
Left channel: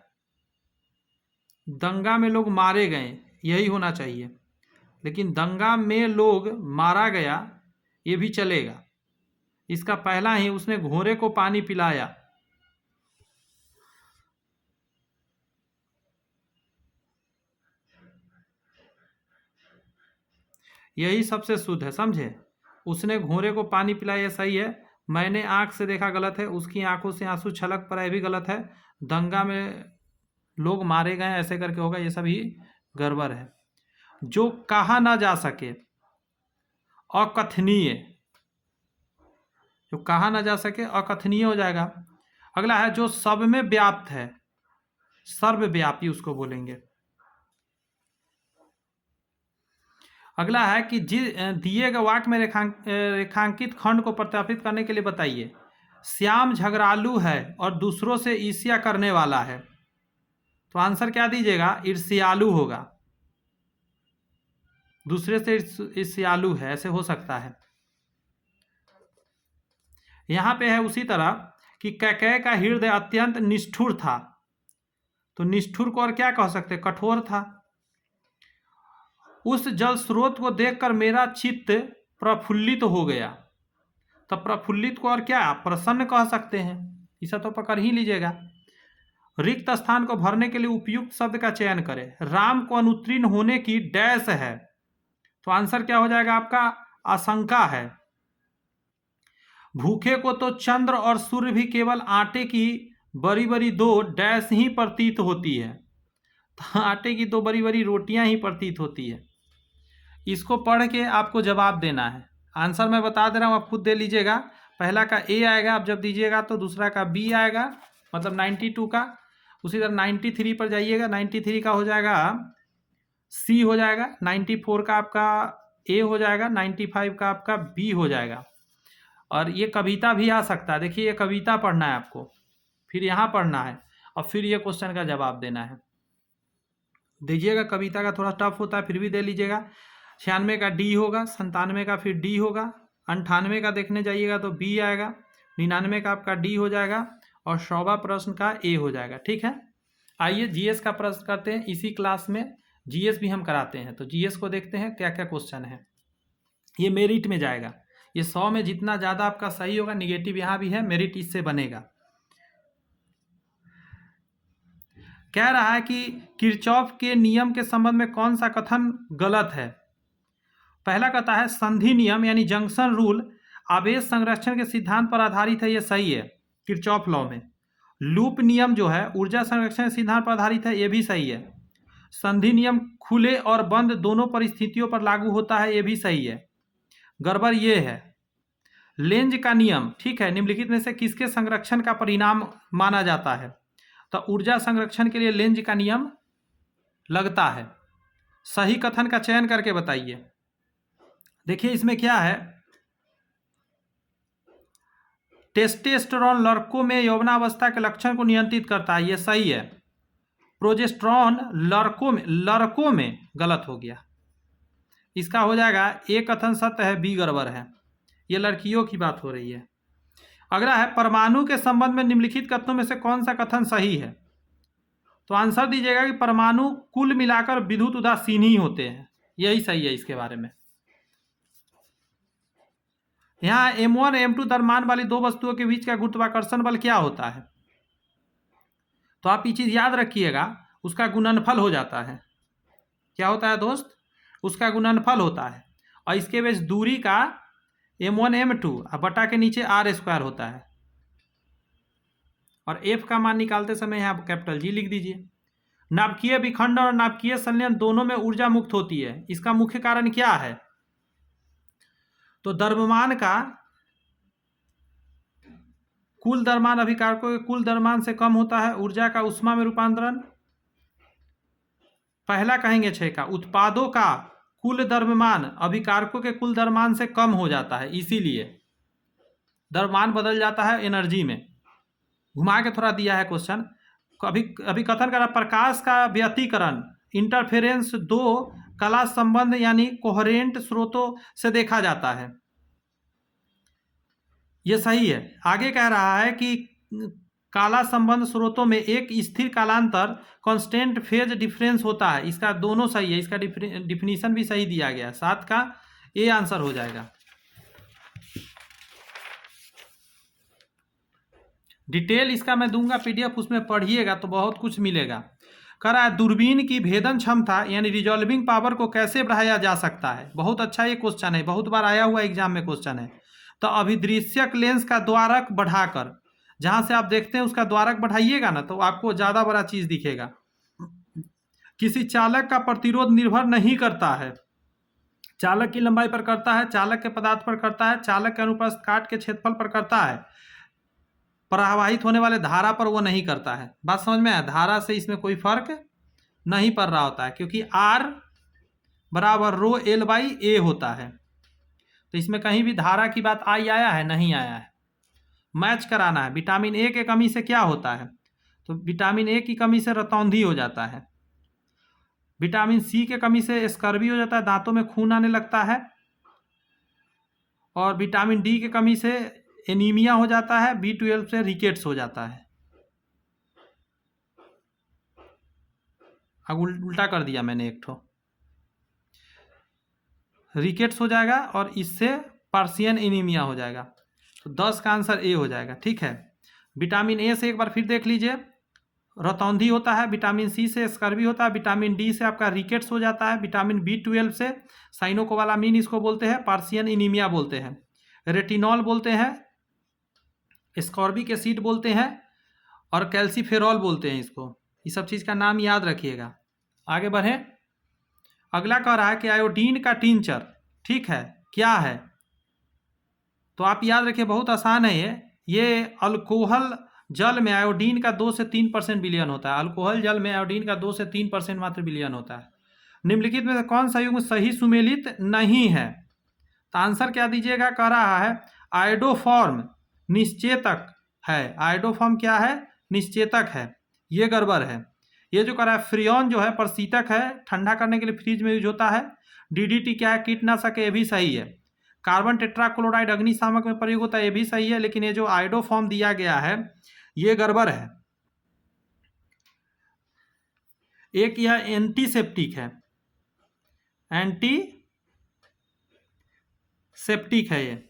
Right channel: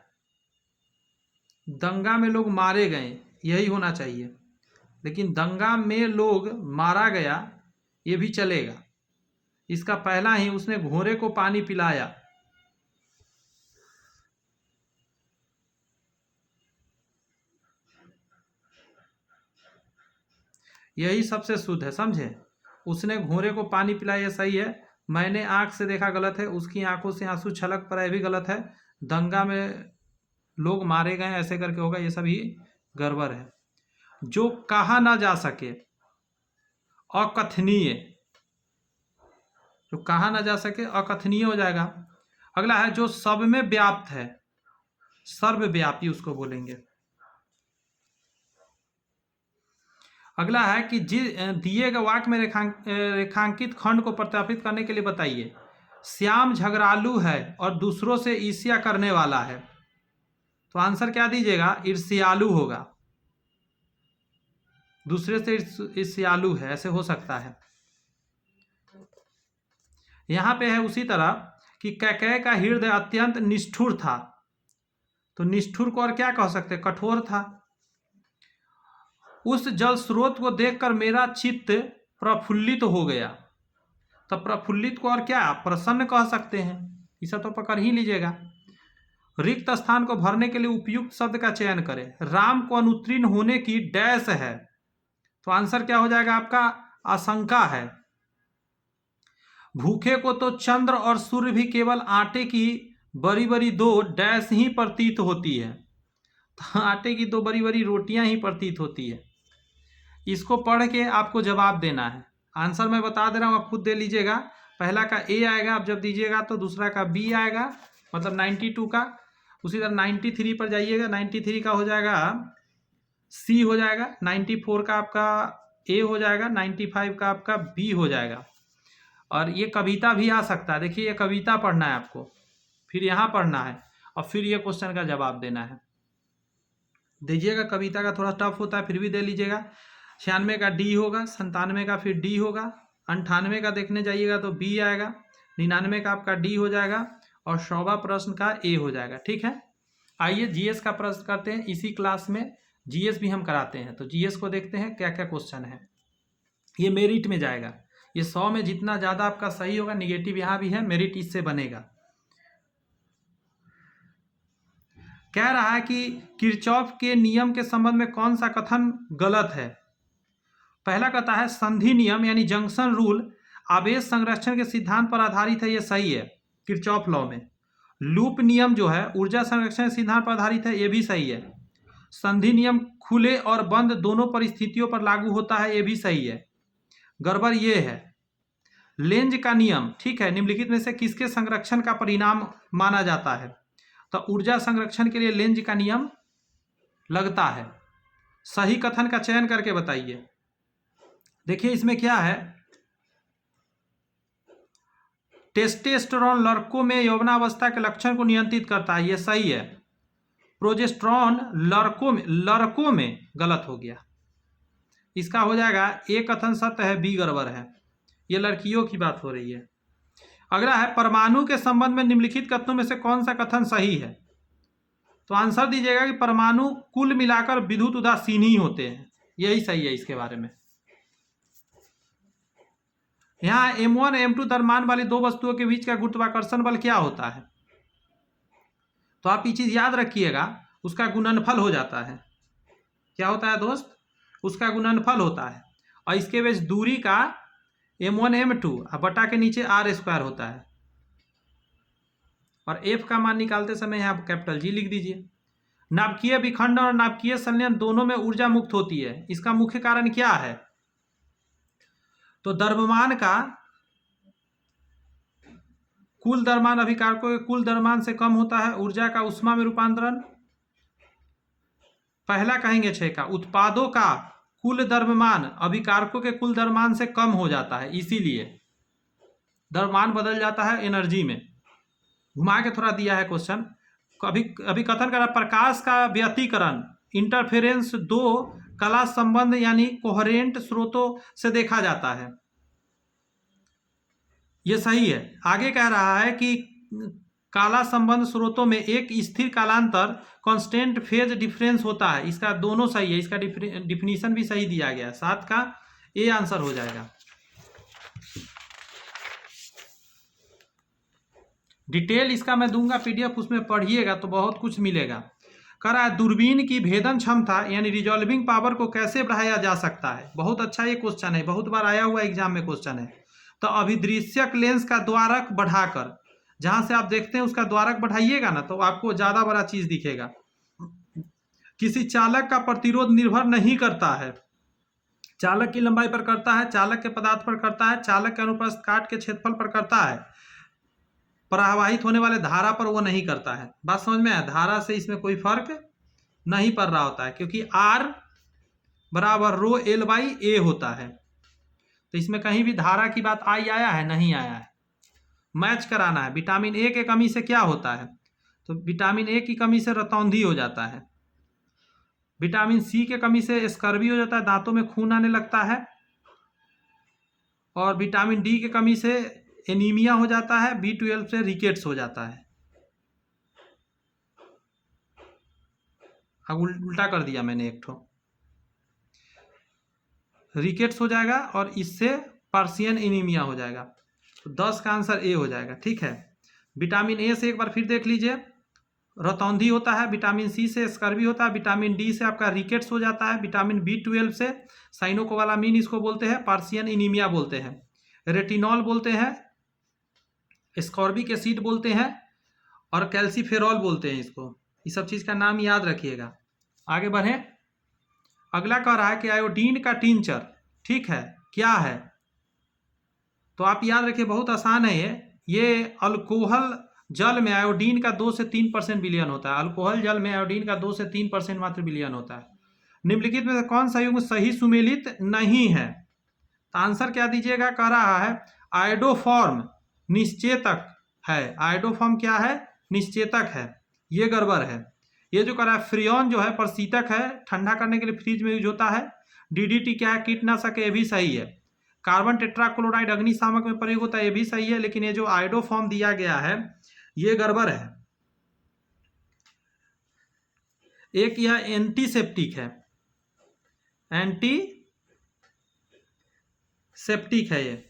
दंगा में लोग मारे गए, यही होना चाहिए। लेकिन दंगा में लोग मारा गया ये भी चलेगा। इसका पहला ही, उसने घोड़े को पानी पिलाया, यही सबसे शुद्ध है, समझे। उसने घोड़े को पानी पिलाया सही है, मैंने आंख से देखा गलत है, उसकी आंखों से आंसू छलक पड़ा ये भी गलत है, दंगा में लोग मारे गए ऐसे करके होगा, ये सभी गड़बड़ है। जो कहा ना जा सके, अकथनीय, जो कहा ना जा सके अकथनीय हो जाएगा। अगला है जो सब में व्याप्त है, सर्वव्यापी उसको बोलेंगे। अगला है कि दिए गए वाक्य में रेखांकित खंड को प्रत्यापित करने के लिए बताइए। श्याम झगड़ालू है और दूसरों से ईर्ष्या करने वाला है, तो आंसर क्या दीजिएगा? ईर्ष्यालु होगा, दूसरे से ईर्ष्यालु है, ऐसे हो सकता है। यहां पे है उसी तरह कि कैकेय का हृदय अत्यंत निष्ठुर था, तो निष्ठुर को और क्या कह सकते? कठोर था। उस जल स्रोत को देखकर मेरा चित्त प्रफुल्लित हो गया, तो प्रफुल्लित को और क्या? प्रसन्न कह सकते हैं, इसे तो पकड़ ही लीजिएगा। रिक्त स्थान को भरने के लिए उपयुक्त शब्द का चयन करें। राम को अनुत्तीर्ण होने की डैश है, तो आंसर क्या हो जाएगा आपका? आशंका है। भूखे को तो चंद्र और सूर्य भी केवल आटे की बड़ी बड़ी 2 डैश ही प्रतीत होती है, तो आटे की 2 बड़ी बड़ी रोटियां ही प्रतीत होती है। इसको पढ़ के आपको जवाब देना है। आंसर मैं बता दे रहा हूँ, आप खुद दे लीजिएगा। पहला का ए आएगा, आप जब दीजिएगा तो दूसरा का बी आएगा, मतलब 92 का। उसी तरह 93 पर जाइएगा, 93 का हो जाएगा सी हो जाएगा, 94 का आपका ए हो जाएगा, 95 का आपका बी हो जाएगा। और ये कविता भी आ सकता है, देखिए ये कविता पढ़ना है आपको, फिर यहाँ पढ़ना है और फिर ये क्वेश्चन का जवाब देना है। दीजिएगा, कविता का थोड़ा टफ होता है, फिर भी दे लीजिएगा। 96 का डी होगा, 97 का फिर डी होगा, 98 का देखने जाइएगा तो बी आएगा, 99 का आपका डी हो जाएगा और 100वां प्रश्न का ए हो जाएगा। ठीक है, आइए जीएस का प्रश्न करते हैं। इसी क्लास में जीएस भी हम कराते हैं। तो जीएस को देखते हैं क्या क्या क्वेश्चन है। ये मेरिट में जाएगा। ये 100 में जितना ज़्यादा आपका सही होगा, निगेटिव यहाँ भी है, मेरिट इससे बनेगा। कह रहा है कि किरचॉफ के नियम के संबंध में कौन सा कथन गलत है। पहला कहता है संधि नियम यानी जंक्शन रूल आवेश संरक्षण के सिद्धांत पर आधारित है, ये सही है किरचॉफ लॉ में। लूप नियम जो है ऊर्जा संरक्षण के सिद्धांत पर आधारित है, ये भी सही है। संधि नियम खुले और बंद दोनों परिस्थितियों पर लागू होता है, ये भी सही है। गड़बड़ ये है लेंज का नियम, ठीक है, निम्नलिखित में से किसके संरक्षण का परिणाम माना जाता है। तो ऊर्जा संरक्षण के लिए लेंज का नियम लगता है। सही कथन का चयन करके बताइए। देखिए इसमें क्या है, टेस्टोस्टेरोन लड़कों में यौवनावस्था के लक्षण को नियंत्रित करता है, ये सही है। प्रोजेस्टेरोन लड़कों में गलत हो गया, इसका हो जाएगा ए कथन सत्य है, बी गड़बड़ है। ये लड़कियों की बात हो रही है। अगला है परमाणु के संबंध में निम्नलिखित कथनों में से कौन सा कथन सही है। तो आंसर दीजिएगा कि परमाणु कुल मिलाकर विद्युत उदासीन ही होते हैं, यही सही है इसके बारे में। यहाँ M1 M2 द्रव्यमान वाली दो वस्तुओं के बीच का गुरुत्वाकर्षण बल क्या होता है। तो आप ये चीज याद रखिएगा, उसका गुणनफल हो जाता है। क्या होता है दोस्त, उसका गुणनफल होता है। और इसके बीच दूरी का M1 M2 बटा के नीचे r² होता है। और F का मान निकालते समय यहाँ कैपिटल G लिख दीजिए। नाभिकीय विखंडन और नाभिकीय संलयन दोनों में ऊर्जा मुक्त होती है, इसका मुख्य कारण क्या है। तो द्रव्यमान का कुल द्रव्यमान अभिकारकों के कुल द्रव्यमान से कम होता है। ऊर्जा का उष्मा में रूपांतरण, पहला कहेंगे 6 का उत्पादों का कुल द्रव्यमान अभिकारकों के कुल द्रव्यमान से कम हो जाता है, इसीलिए द्रव्यमान बदल जाता है एनर्जी में। घुमा के थोड़ा दिया है क्वेश्चन। अभी कथन कर रहा प्रकाश का व्यतिकरण इंटरफेरेंस दो कला संबंध यानी कोहेरेंट स्रोतों से देखा जाता है, यह सही है। आगे कह रहा है कि काला संबंध स्रोतों में एक स्थिर कालांतर कांस्टेंट फेज डिफरेंस होता है, इसका दोनों सही है। इसका डिफिनीशन भी सही दिया गया है, 7 का ए आंसर हो जाएगा। डिटेल इसका मैं दूंगा पीडीएफ, उसमें पढ़िएगा तो बहुत कुछ मिलेगा। कह रहा है दूरबीन की भेदन क्षमता यानी रिजॉल्विंग पावर को कैसे बढ़ाया जा सकता है। बहुत अच्छा ये क्वेश्चन है, बहुत बार आया हुआ एग्जाम में क्वेश्चन है। तो अभिदृश्यक लेंस का द्वारक बढ़ाकर, जहां से आप देखते हैं उसका द्वारक बढ़ाइएगा ना तो आपको ज्यादा बड़ा चीज दिखेगा। किसी चालक का प्रतिरोध निर्भर नहीं करता है, चालक की लंबाई पर करता है, चालक के पदार्थ पर करता है, चालक के अनुप्रस्थ काट के क्षेत्रफल पर करता है, प्रवाहित होने वाले धारा पर वो नहीं करता है। बात समझ में आया, धारा से इसमें कोई फर्क नहीं पड़ रहा होता है, क्योंकि R बराबर रो L बाई A होता है। तो इसमें कहीं भी धारा की बात आया है, नहीं आया है। मैच कराना है। विटामिन ए के कमी से क्या होता है, तो विटामिन ए की कमी से रतौंधी हो जाता है। विटामिन सी के कमी से स्कर्वी हो जाता है, दांतों में खून आने लगता है। और विटामिन डी के कमी से एनीमिया हो जाता है, B12 से रिकेट्स हो जाता है। अब उल्टा कर दिया मैंने एक ठो, रिकेट्स हो जाएगा और इससे पर्शियन एनीमिया हो जाएगा। तो 10 का आंसर ए हो जाएगा, ठीक है। विटामिन ए से एक बार फिर देख लीजिए, रतौंधी होता है। विटामिन सी से स्कर्वी होता है। विटामिन डी से आपका रिकेट्स हो जाता है। विटामिन B12 से साइनोकोबालामिन इसको बोलते हैं, पार्शियन एनीमिया बोलते हैं, रेटिनॉल बोलते हैं, स्कॉर्बिक एसिड बोलते हैं और कैल्सीफेरॉल बोलते हैं इसको। ये सब चीज़ का नाम याद रखिएगा। आगे बढ़े। अगला कह रहा है कि आयोडीन का टिंचर, ठीक है, क्या है। तो आप याद रखिए, बहुत आसान है ये अल्कोहल जल में आयोडीन का 2 से 3% विलयन होता है। अल्कोहल जल में आयोडीन का 2 से 3% मात्र विलयन होता है। निम्नलिखित में से कौन सा युग्म सही सुमेलित नहीं है। तो आंसर क्या दीजिएगा। कह रहा है आयोडोफॉर्म निश्चेतक है। आयोडोफॉर्म क्या है, निश्चेतक है, ये गड़बड़ है। ये जो कह रहा है फ्रियोन जो है प्रशीतक है, ठंडा करने के लिए फ्रिज में यूज होता है। डीडीटी क्या है, कीटनाशक, ये भी सही है। कार्बन टेट्राक्लोराइड अग्निशामक में प्रयोग होता है, ये भी सही है। लेकिन ये जो आयोडोफॉर्म दिया गया है ये गड़बड़ है। एक यह एंटीसेप्टिक है, एंटीसेप्टिक है ये।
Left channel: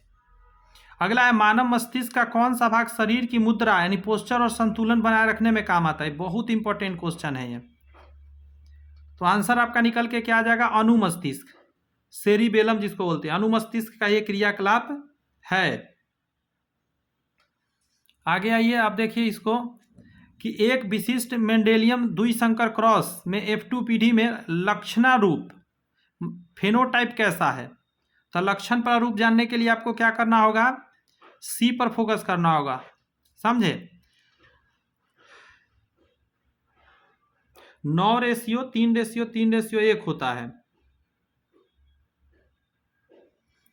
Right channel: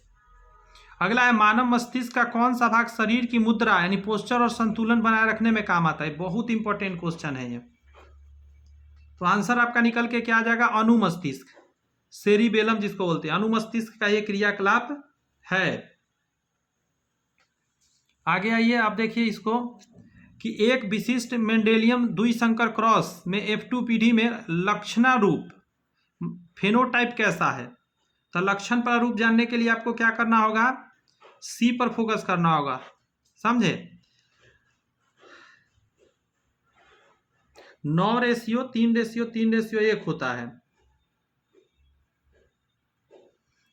अगला है मानव मस्तिष्क का कौन सा भाग शरीर की मुद्रा यानी पोस्चर और संतुलन बनाए रखने में काम आता है। बहुत इंपॉर्टेंट क्वेश्चन है ये। तो आंसर आपका निकल के क्या आ जाएगा, अनुमस्तिष्क, सेरिबेलम जिसको बोलते हैं, अनुमस्तिष्क का ये क्रियाकलाप है। आगे आइए आप देखिए इसको कि एक विशिष्ट मेंडेलियन द्विसंकर क्रॉस में F2 पीढ़ी में लक्षणारूप फेनोटाइप कैसा है। तो लक्षण प्रारूप जानने के लिए आपको क्या करना होगा, सी पर फोकस करना होगा, समझे। 9:3:3:1 होता है।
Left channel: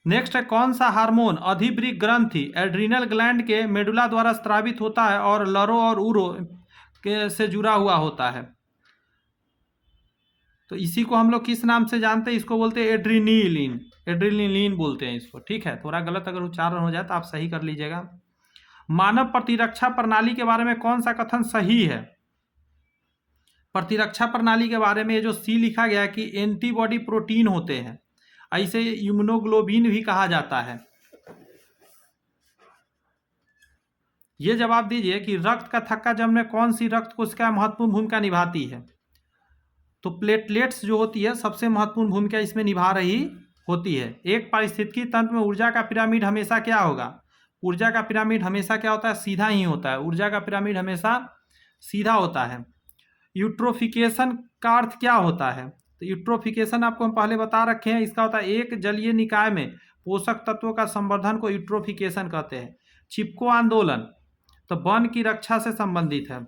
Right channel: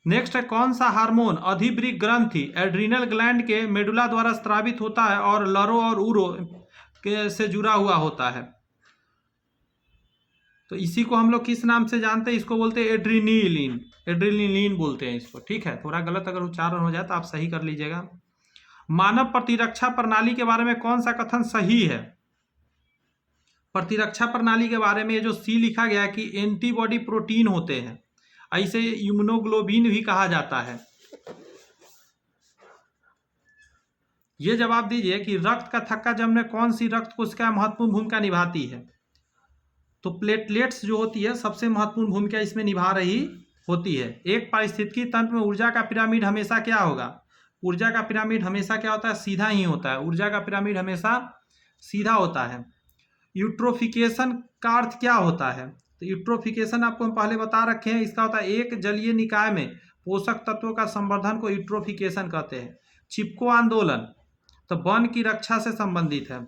नेक्स्ट है कौन सा हार्मोन अधिवृक्क ग्रंथि एड्रिनल ग्लैंड के मेडुला द्वारा स्रावित होता है और लरो और उरो के से जुड़ा हुआ होता है। तो इसी को हम लोग किस नाम से जानते हैं, इसको बोलते हैं एड्रीनिलीन, एड्रीनिलीन बोलते हैं इसको, ठीक है। थोड़ा गलत अगर उच्चारण हो जाए तो आप सही कर लीजिएगा। मानव प्रतिरक्षा प्रणाली के बारे में कौन सा कथन सही है। प्रतिरक्षा प्रणाली के बारे में जो सी लिखा गया कि एंटीबॉडी प्रोटीन होते हैं, ऐसे इम्यूनोग्लोबिन भी कहा जाता है। ये जवाब दीजिए कि रक्त का थक्का जमने में कौन सी रक्त कोशिका महत्वपूर्ण भूमिका निभाती है। तो प्लेटलेट्स जो होती है सबसे महत्वपूर्ण भूमिका इसमें निभा रही होती है। एक पारिस्थितिकी तंत्र में ऊर्जा का पिरामिड हमेशा क्या होगा, ऊर्जा का पिरामिड हमेशा क्या होता है, सीधा ही होता है। ऊर्जा का पिरामिड हमेशा सीधा होता है। यूट्रोफिकेशन का अर्थ क्या होता है। तो यूट्रोफिकेशन आपको हम पहले बता रखे हैं, इसका होता है एक जलीय निकाय में पोषक तत्वों का संवर्धन को यूट्रोफिकेशन कहते हैं। चिपको आंदोलन तो वन की रक्षा से संबंधित है,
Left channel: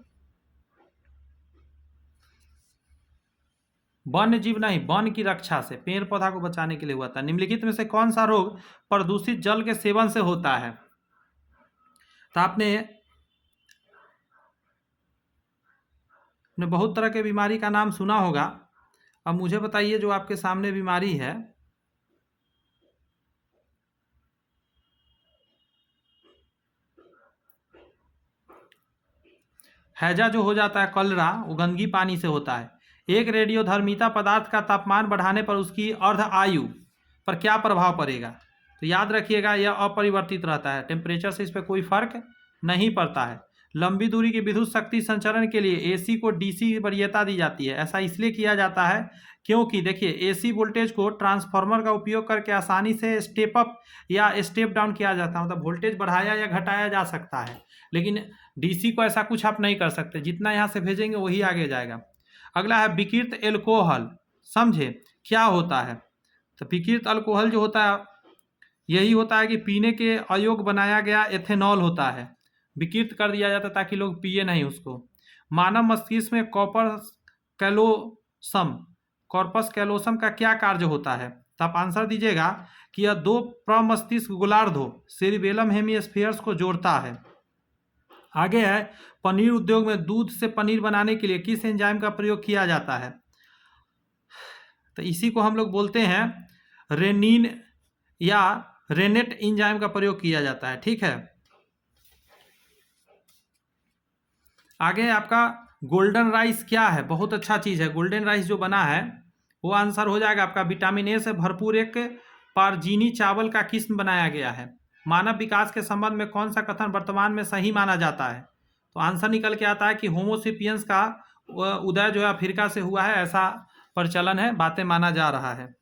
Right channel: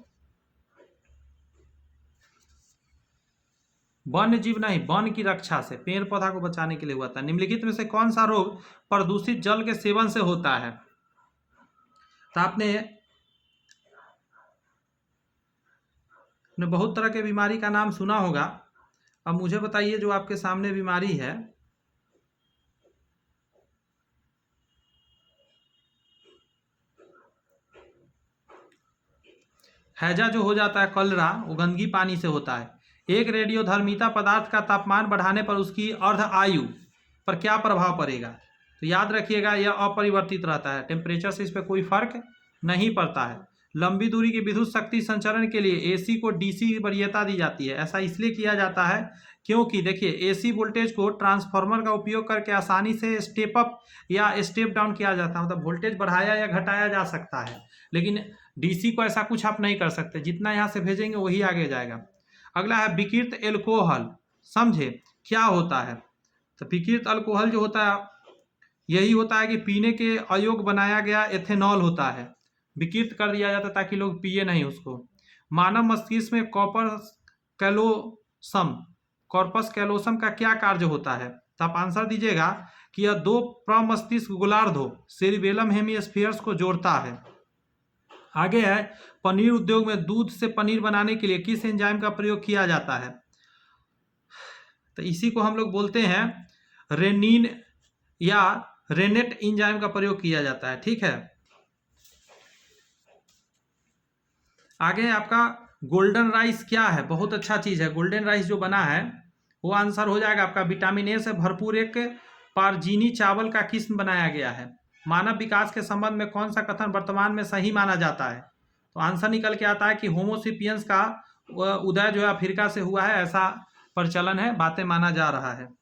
वन्य जीव नहीं, वन की रक्षा से, पेड़ पौधा को बचाने के लिए हुआ था। निम्नलिखित में से कौन सा रोग प्रदूषित जल के सेवन से होता है। तो आपने बहुत तरह के बीमारी का नाम सुना होगा। अब मुझे बताइए जो आपके सामने बीमारी है, हैजा जो हो जाता है कलरा, वो गंदगी पानी से होता है। एक रेडियोधर्मिता पदार्थ का तापमान बढ़ाने पर उसकी अर्ध आयु पर क्या प्रभाव पड़ेगा। तो याद रखिएगा यह अपरिवर्तित रहता है, टेम्परेचर से इस पर कोई फर्क नहीं पड़ता है। लंबी दूरी की विद्युत शक्ति संचरण के लिए एसी को डीसी की वरीयता दी जाती है। ऐसा इसलिए किया जाता है क्योंकि देखिए एसी वोल्टेज को ट्रांसफार्मर का उपयोग करके आसानी से स्टेप अप या स्टेप डाउन किया जाता है, मतलब वोल्टेज बढ़ाया या घटाया जा सकता है। लेकिन डीसी को ऐसा कुछ आप नहीं कर सकते, जितना यहाँ से भेजेंगे वही आगे जाएगा। अगला है विकृत एल्कोहल, समझे क्या होता है। तो विकृत अल्कोहल जो होता है यही होता है कि पीने के अयोग्य बनाया गया एथेनॉल होता है, विकृत कर दिया जाता है ताकि लोग पिए नहीं उसको। मानव मस्तिष्क में कॉर्पस कैलोसम का क्या कार्य होता है। तो आप आंसर दीजिएगा कि यह दो प्रमस्तिष्क गोलार्धों सेरिबेलम हेमिस्फीयर्स को जोड़ता है। आगे है पनीर उद्योग में दूध से पनीर बनाने के लिए किस एंजाइम का प्रयोग किया जाता है। तो इसी को हम लोग बोलते हैं रेनिन या रेनेट एंजाइम का प्रयोग किया जाता है, ठीक है। आगे आपका गोल्डन राइस क्या है, बहुत अच्छा चीज है। गोल्डन राइस जो बना है वो आंसर हो जाएगा आपका विटामिन ए से भरपूर एक पारजीनी चावल का किस्म बनाया गया है। मानव विकास के संबंध में कौन सा कथन वर्तमान में सही माना जाता है। तो आंसर निकल के आता है कि होमोसेपियंस का उदय जो है अफ्रीका से हुआ है, ऐसा प्रचलन है, बातें माना जा रहा है।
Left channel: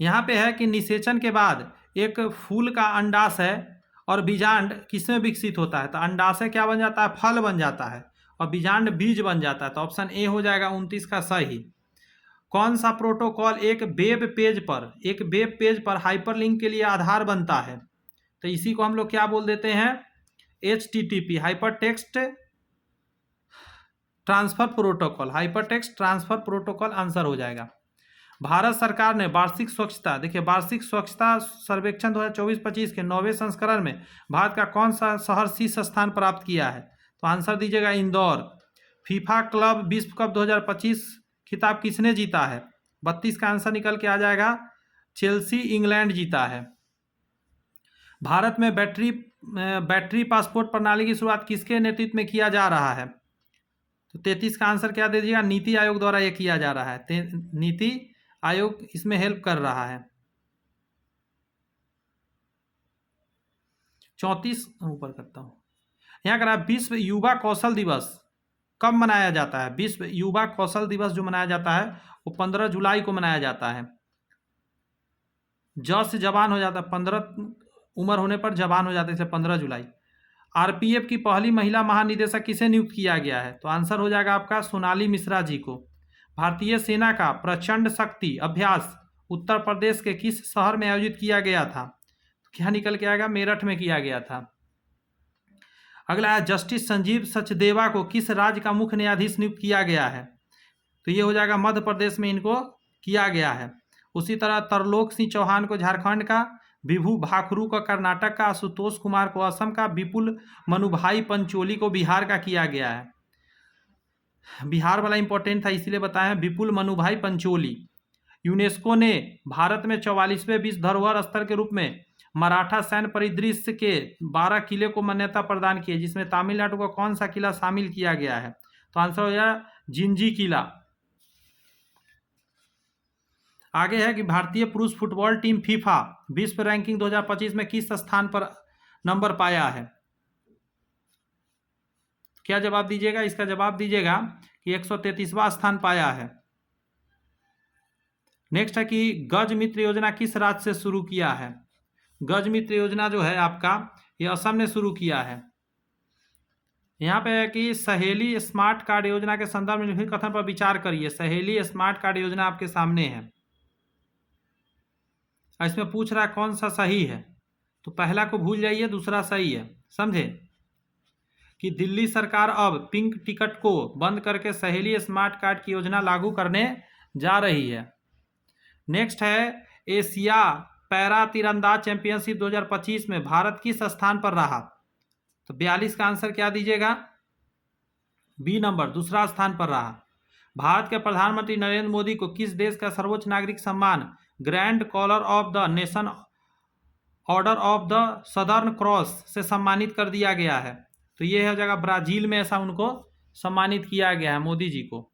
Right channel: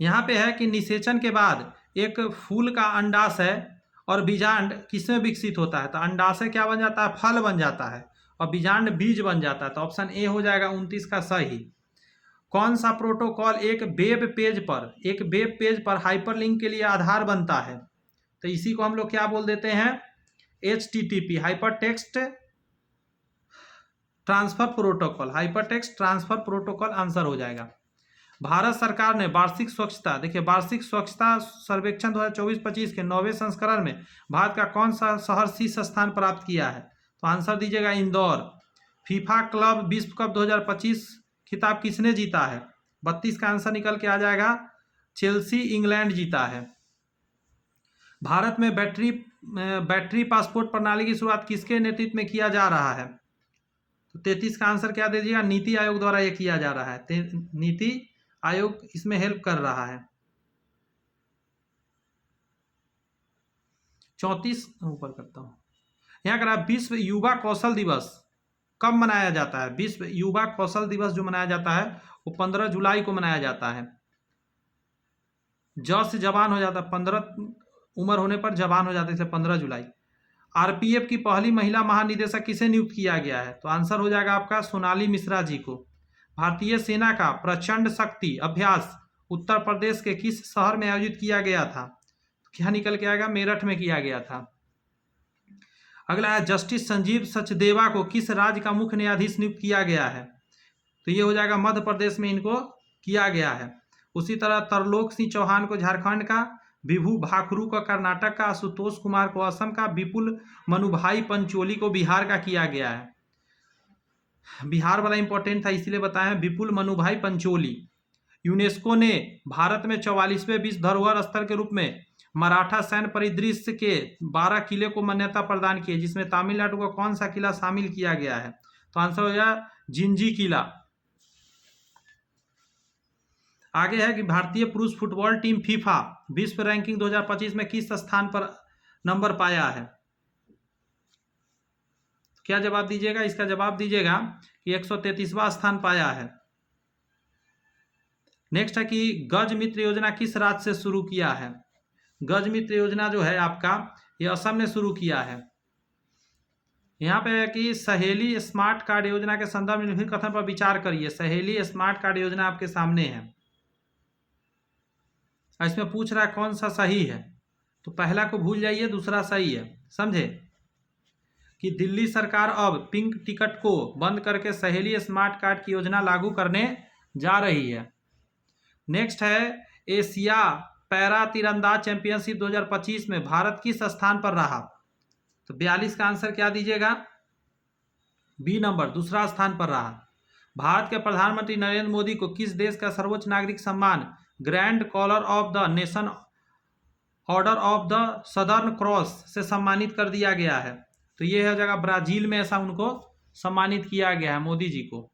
यहाँ पे है कि निषेचन के बाद एक फूल का अंडाशय और बीजांड किसमें विकसित होता है। तो अंडाशय क्या बन जाता है, फल बन जाता है, और बीजांड बीज बन जाता है। तो ऑप्शन ए हो जाएगा 29 का सही। कौन सा प्रोटोकॉल एक वेब पेज पर हाइपरलिंक के लिए आधार बनता है। तो इसी को हम लोग क्या बोल देते हैं, HTTP, hypertext transfer protocol, hypertext transfer protocol answer हो जाएगा। भारत सरकार ने वार्षिक स्वच्छता, देखिए वार्षिक स्वच्छता सर्वेक्षण 2024-25 के 9वें संस्करण में भारत का कौन सा शहर शीर्ष स्थान प्राप्त किया है। तो आंसर दीजिएगा इंदौर। फीफा क्लब विश्व कप 2025 खिताब किसने जीता है। 32 का आंसर निकल के आ जाएगा चेल्सी, इंग्लैंड जीता है। भारत में बैटरी पासपोर्ट प्रणाली की शुरुआत किसके नेतृत्व में किया जा रहा है? तो 33 का आंसर क्या दे दीजिएगा? नीति आयोग द्वारा ये किया जा रहा है। नीति आयोग इसमें हेल्प कर रहा है। 34 ऊपर करता हूँ। यहाँ करा विश्व युवा कौशल दिवस कब मनाया जाता है? विश्व युवा कौशल दिवस जो मनाया जाता है वो 15 जुलाई को मनाया जाता है। ज से जवान हो जाता है, 15 उम्र होने पर जवान हो जाता है, इसे 15 जुलाई। आरपीएफ की पहली महिला महानिदेशक किसे नियुक्त किया गया है? तो आंसर हो जाएगा आपका सोनाली मिश्रा जी को। भारतीय सेना का प्रचंड शक्ति अभ्यास उत्तर प्रदेश के किस शहर में आयोजित किया गया था? क्या निकल के आएगा? मेरठ में किया गया था। अगला है जस्टिस संजीव सचदेवा को किस राज्य का मुख्य न्यायाधीश नियुक्त किया गया है? तो ये हो जाएगा मध्य प्रदेश में इनको किया गया है। उसी तरह तरलोक सिंह चौहान को झारखंड का, विभू भाखरू को कर्नाटक का, आशुतोष कुमार को असम का, विपुल मनुभाई पंचोली को बिहार का किया गया है। बिहार वाला इंपॉर्टेंट था इसीलिए बताएं, विपुल मनुभाई पंचोली। यूनेस्को ने भारत में 44वें विश्व धरोहर स्थल के रूप में मराठा सैन्य परिदृश्य के 12 किले को मान्यता प्रदान की है, जिसमें तमिलनाडु का कौन सा किला शामिल किया गया है? तो आंसर हो जाए जिंजी किला। आगे है कि भारतीय पुरुष फुटबॉल टीम फीफा विश्व रैंकिंग 2025 में किस स्थान पर नंबर पाया है? क्या जवाब दीजिएगा? इसका जवाब दीजिएगा कि 133वां स्थान पाया है। नेक्स्ट है कि गज मित्र योजना किस राज्य से शुरू किया है? गज मित्र योजना जो है आपका ये असम ने शुरू किया है। यहाँ पे है कि सहेली स्मार्ट कार्ड योजना के संदर्भ में निम्नलिखित कथन पर विचार करिए। सहेली स्मार्ट कार्ड योजना आपके सामने है, इसमें पूछ रहा है कौन सा सही है, तो पहला को भूल जाइए, दूसरा सही है। समझे कि दिल्ली सरकार अब पिंक टिकट को बंद करके सहेली स्मार्ट कार्ड की योजना लागू करने जा रही है। नेक्स्ट है एशिया पैरा तीरंदाज चैंपियनशिप 2025 में भारत किस स्थान पर रहा? तो 42 का आंसर क्या दीजिएगा? बी नंबर, दूसरा स्थान पर रहा। भारत के प्रधानमंत्री नरेंद्र मोदी को किस देश का सर्वोच्च नागरिक सम्मान Grand Collar of the Nation Order of the Southern Cross से सम्मानित कर दिया गया है? तो ये है जगह ब्राजील में ऐसा उनको सम्मानित किया गया है मोदी जी को।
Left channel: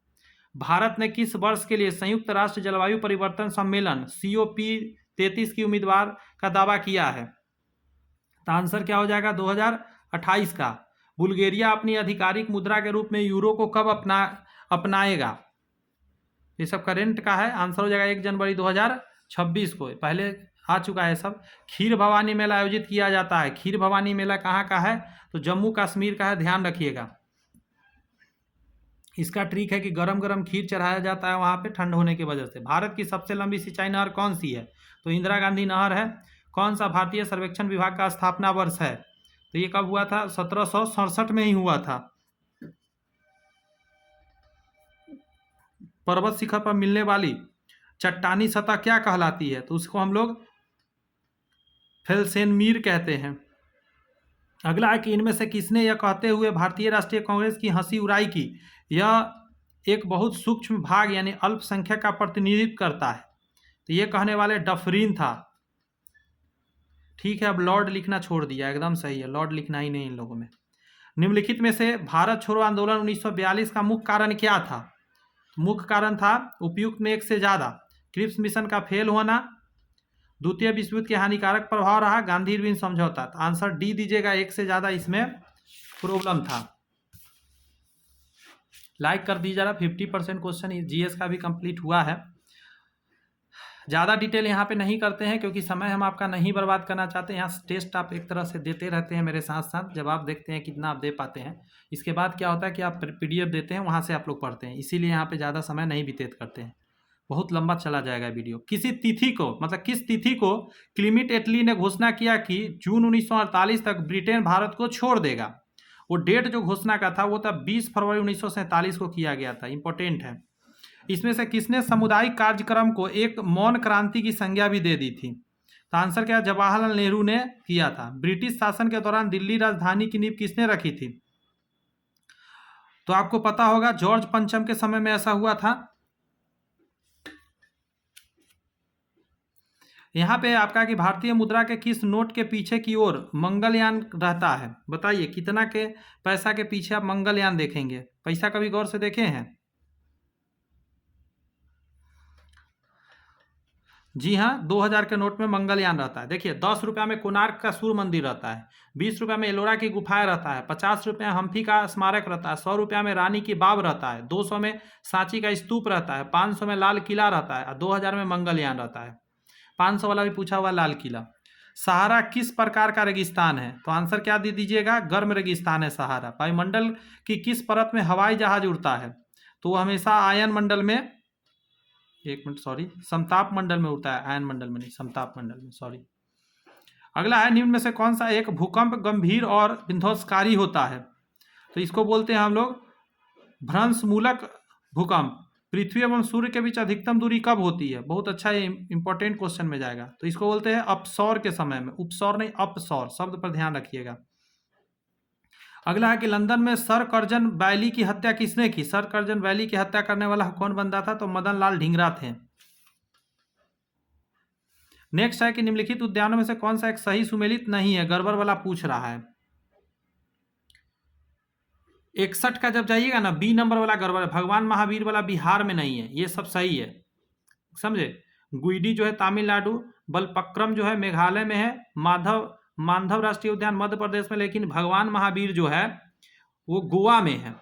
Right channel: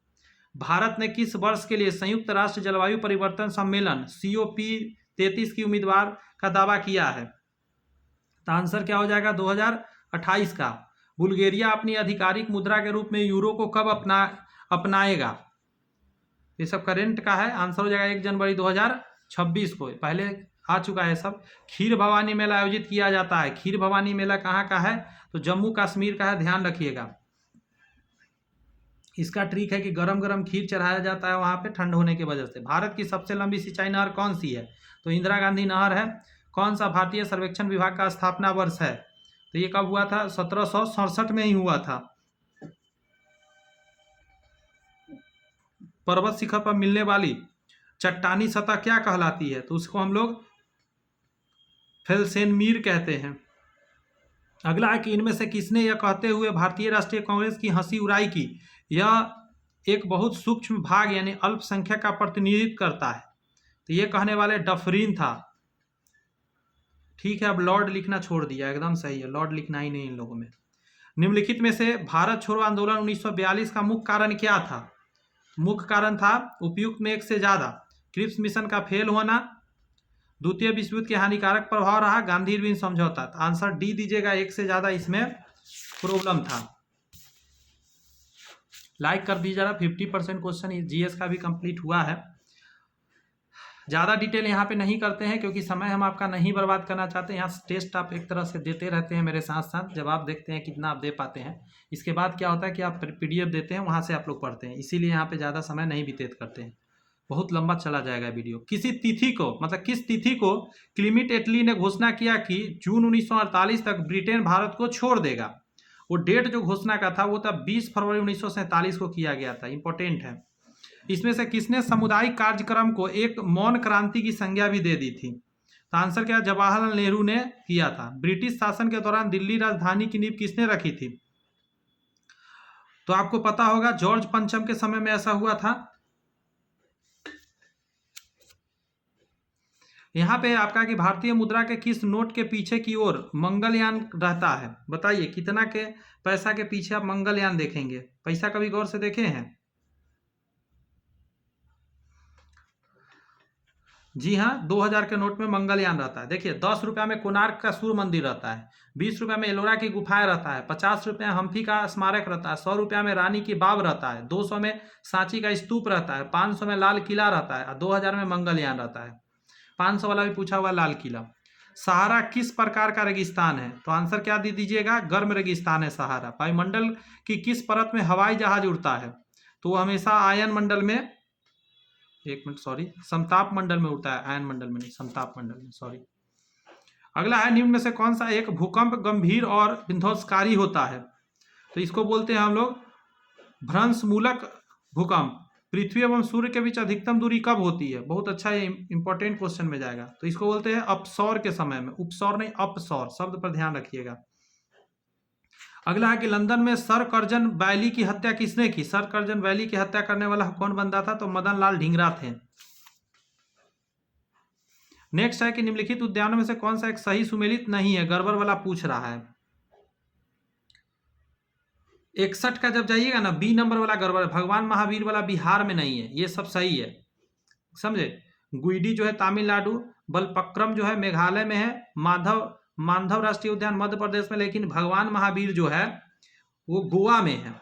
भारत ने किस वर्ष के लिए संयुक्त राष्ट्र जलवायु परिवर्तन सम्मेलन COP33 की उम्मीदवार का दावा किया है? तो आंसर क्या हो जाएगा? 2028 का। बुल्गारिया अपनी आधिकारिक मुद्रा के रूप में यूरो को कब अपनाएगा? ये सब करेंट का है, आंसर हो जाएगा 1 जनवरी 2026 को। पहले आ चुका है सब। खीर भवानी मेला आयोजित किया जाता है। खीर भवानी मेला कहाँ का है? तो जम्मू कश्मीर का है, ध्यान रखिएगा। इसका ट्रिक है कि गरम गरम खीर चढ़ाया जाता है वहाँ पे ठंड होने की वजह से। भारत की सबसे लंबी सिंचाई नहर कौन सी है? तो इंदिरा गांधी नहर है। कौन सा भारतीय सर्वेक्षण विभाग का स्थापना वर्ष है? तो ये कब हुआ था? 1767 में ही हुआ था। पर्वत शिखर पर मिलने वाली चट्टानी सतह क्या कहलाती है? तो उसको हम लोग फेल्सेनमीर कहते हैं। अगला है कि इनमें से किसने यह कहते हुए भारतीय राष्ट्रीय कांग्रेस की हंसी उड़ाई की यह एक बहुत सूक्ष्म भाग यानी अल्पसंख्यक का प्रतिनिधित्व करता है? तो ये कहने वाले डफरीन था। ठीक है, अब लॉर्ड लिखना छोड़ दिया, एकदम सही है, लॉर्ड लिखना ही नहीं इन लोगों में। निम्नलिखित में से भारत छोड़ो आंदोलन 1942 का मुख्य कारण क्या था? मुख्य कारण था उपयुक्त में एक से ज्यादा, क्रिप्स मिशन का फेल होना, द्वितीय विश्व युद्ध के हानिकारक प्रभाव रहा, गांधी इरविन समझौता। आंसर डी दीजिएगा, एक से ज्यादा इसमें प्रॉब्लम था। लाइक कर दीजिए जरा। 50% क्वेश्चन जीएस का भी कंप्लीट हुआ है। ज़्यादा डिटेल यहाँ पे नहीं करते हैं क्योंकि समय हम आपका नहीं बर्बाद करना चाहते। यहाँ टेस्ट आप एक तरह से देते रहते हैं मेरे साथ साथ, जवाब देखते हैं कितना आप दे पाते हैं। इसके बाद क्या होता है कि आप PDF देते हैं, वहाँ से आप लोग पढ़ते हैं, इसीलिए यहाँ पे ज़्यादा समय नहीं व्यतीत करते हैं, बहुत लंबा चला जाएगा वीडियो। किसी तिथि को मतलब किस तिथि को क्लीमेंट एटली ने घोषणा किया कि जून 1948 तक ब्रिटेन भारत को छोड़ देगा? वो डेट जो घोषणा का था वो था 20 फरवरी 1947 को किया गया था। इंपॉर्टेंट है। इसमें से किसने सामुदायिक कार्यक्रम को एक मौन क्रांति की संज्ञा भी दे दी थी? तो आंसर क्या? जवाहरलाल नेहरू ने किया था। ब्रिटिश शासन के दौरान दिल्ली राजधानी की नींव किसने रखी थी? तो आपको पता होगा जॉर्ज पंचम के समय में ऐसा हुआ था। यहाँ पे आपका कि भारतीय मुद्रा के किस नोट के पीछे की ओर मंगलयान रहता है? बताइए कितना के पैसा के पीछे आप मंगलयान देखेंगे? पैसा कभी गौर से देखे हैं? जी हाँ, 2000 के नोट में मंगलयान रहता है। देखिए 10 रुपया में कोणार्क का सूर्य मंदिर रहता है, 20 रुपया में एलोरा की गुफाएं रहता है, 50 रुपया हम्पी का स्मारक रहता है, 100 रुपया में रानी की बाव रहता है, 200 में सांची का स्तूप रहता है, 500 में लाल किला रहता है और 2000 में मंगलयान रहता है। 500 वाला भी पूछा हुआ लाल किला। सहारा किस प्रकार का रेगिस्तान है? तो आंसर क्या दे दीजिएगा? गर्म रेगिस्तान है सहारा। वायुमंडल की किस परत में हवाई जहाज उड़ता है? तो वो हमेशा आयन मंडल में, एक मिनट सॉरी, समताप मंडल में उड़ता है, आयन मंडल में नहीं, समताप मंडल में, सॉरी। अगला है, निम्न में से कौन सा एक भूकंप गंभीर और विध्वंसकारी होता है? तो इसको बोलते हैं हम लोग भ्रंशमूलक भूकंप। पृथ्वी एवं सूर्य के बीच अधिकतम दूरी कब होती है? बहुत अच्छा, ये इंपॉर्टेंट क्वेश्चन में जाएगा। तो इसको बोलते हैं अपसौर के समय में, उपसौर नहीं अपसौर, शब्द पर ध्यान रखिएगा। अगला है कि लंदन में सर कर्जन वैली की हत्या किसने की? सर कर्जन वैली की हत्या करने वाला कौन बंदा था? तो मदन लाल ढींगरा थे। नेक्स्ट है कि निम्नलिखित उद्यानों में से कौन सा एक सही सुमेलित नहीं है? गड़बड़ वाला पूछ रहा है। 61 का जब जाइएगा ना, बी नंबर वाला गड़बड़ है। भगवान महावीर वाला बिहार में नहीं है, ये सब सही है, समझे। गुइडी जो है तमिलनाडु, बलपक्रम जो है मेघालय में है, माधव राष्ट्रीय उद्यान मध्य प्रदेश में, लेकिन भगवान महावीर जो है वो गोवा में है,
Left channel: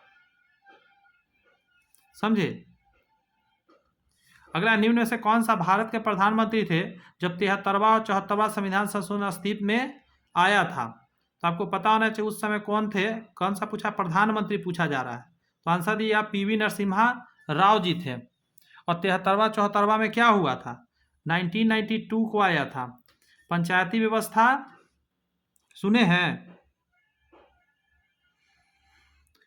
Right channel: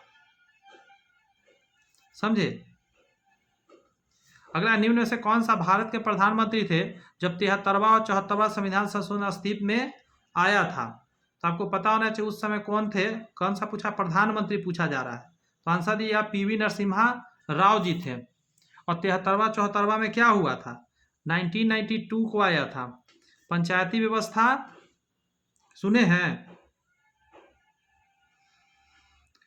समझे। अगला, निम्न में से कौन सा भारत के प्रधानमंत्री थे जब 73वां और 74वां संविधान संशोधन अस्तित्व में आया था? तो आपको पता होना चाहिए उस समय कौन थे। कौन सा पूछा? प्रधानमंत्री पूछा जा रहा है। तो आंसर दिए आप, पीवी नरसिम्हा राव जी थे। और 73वां 74वां में क्या हुआ था? 1992 को आया था। पंचायती व्यवस्था सुने हैं?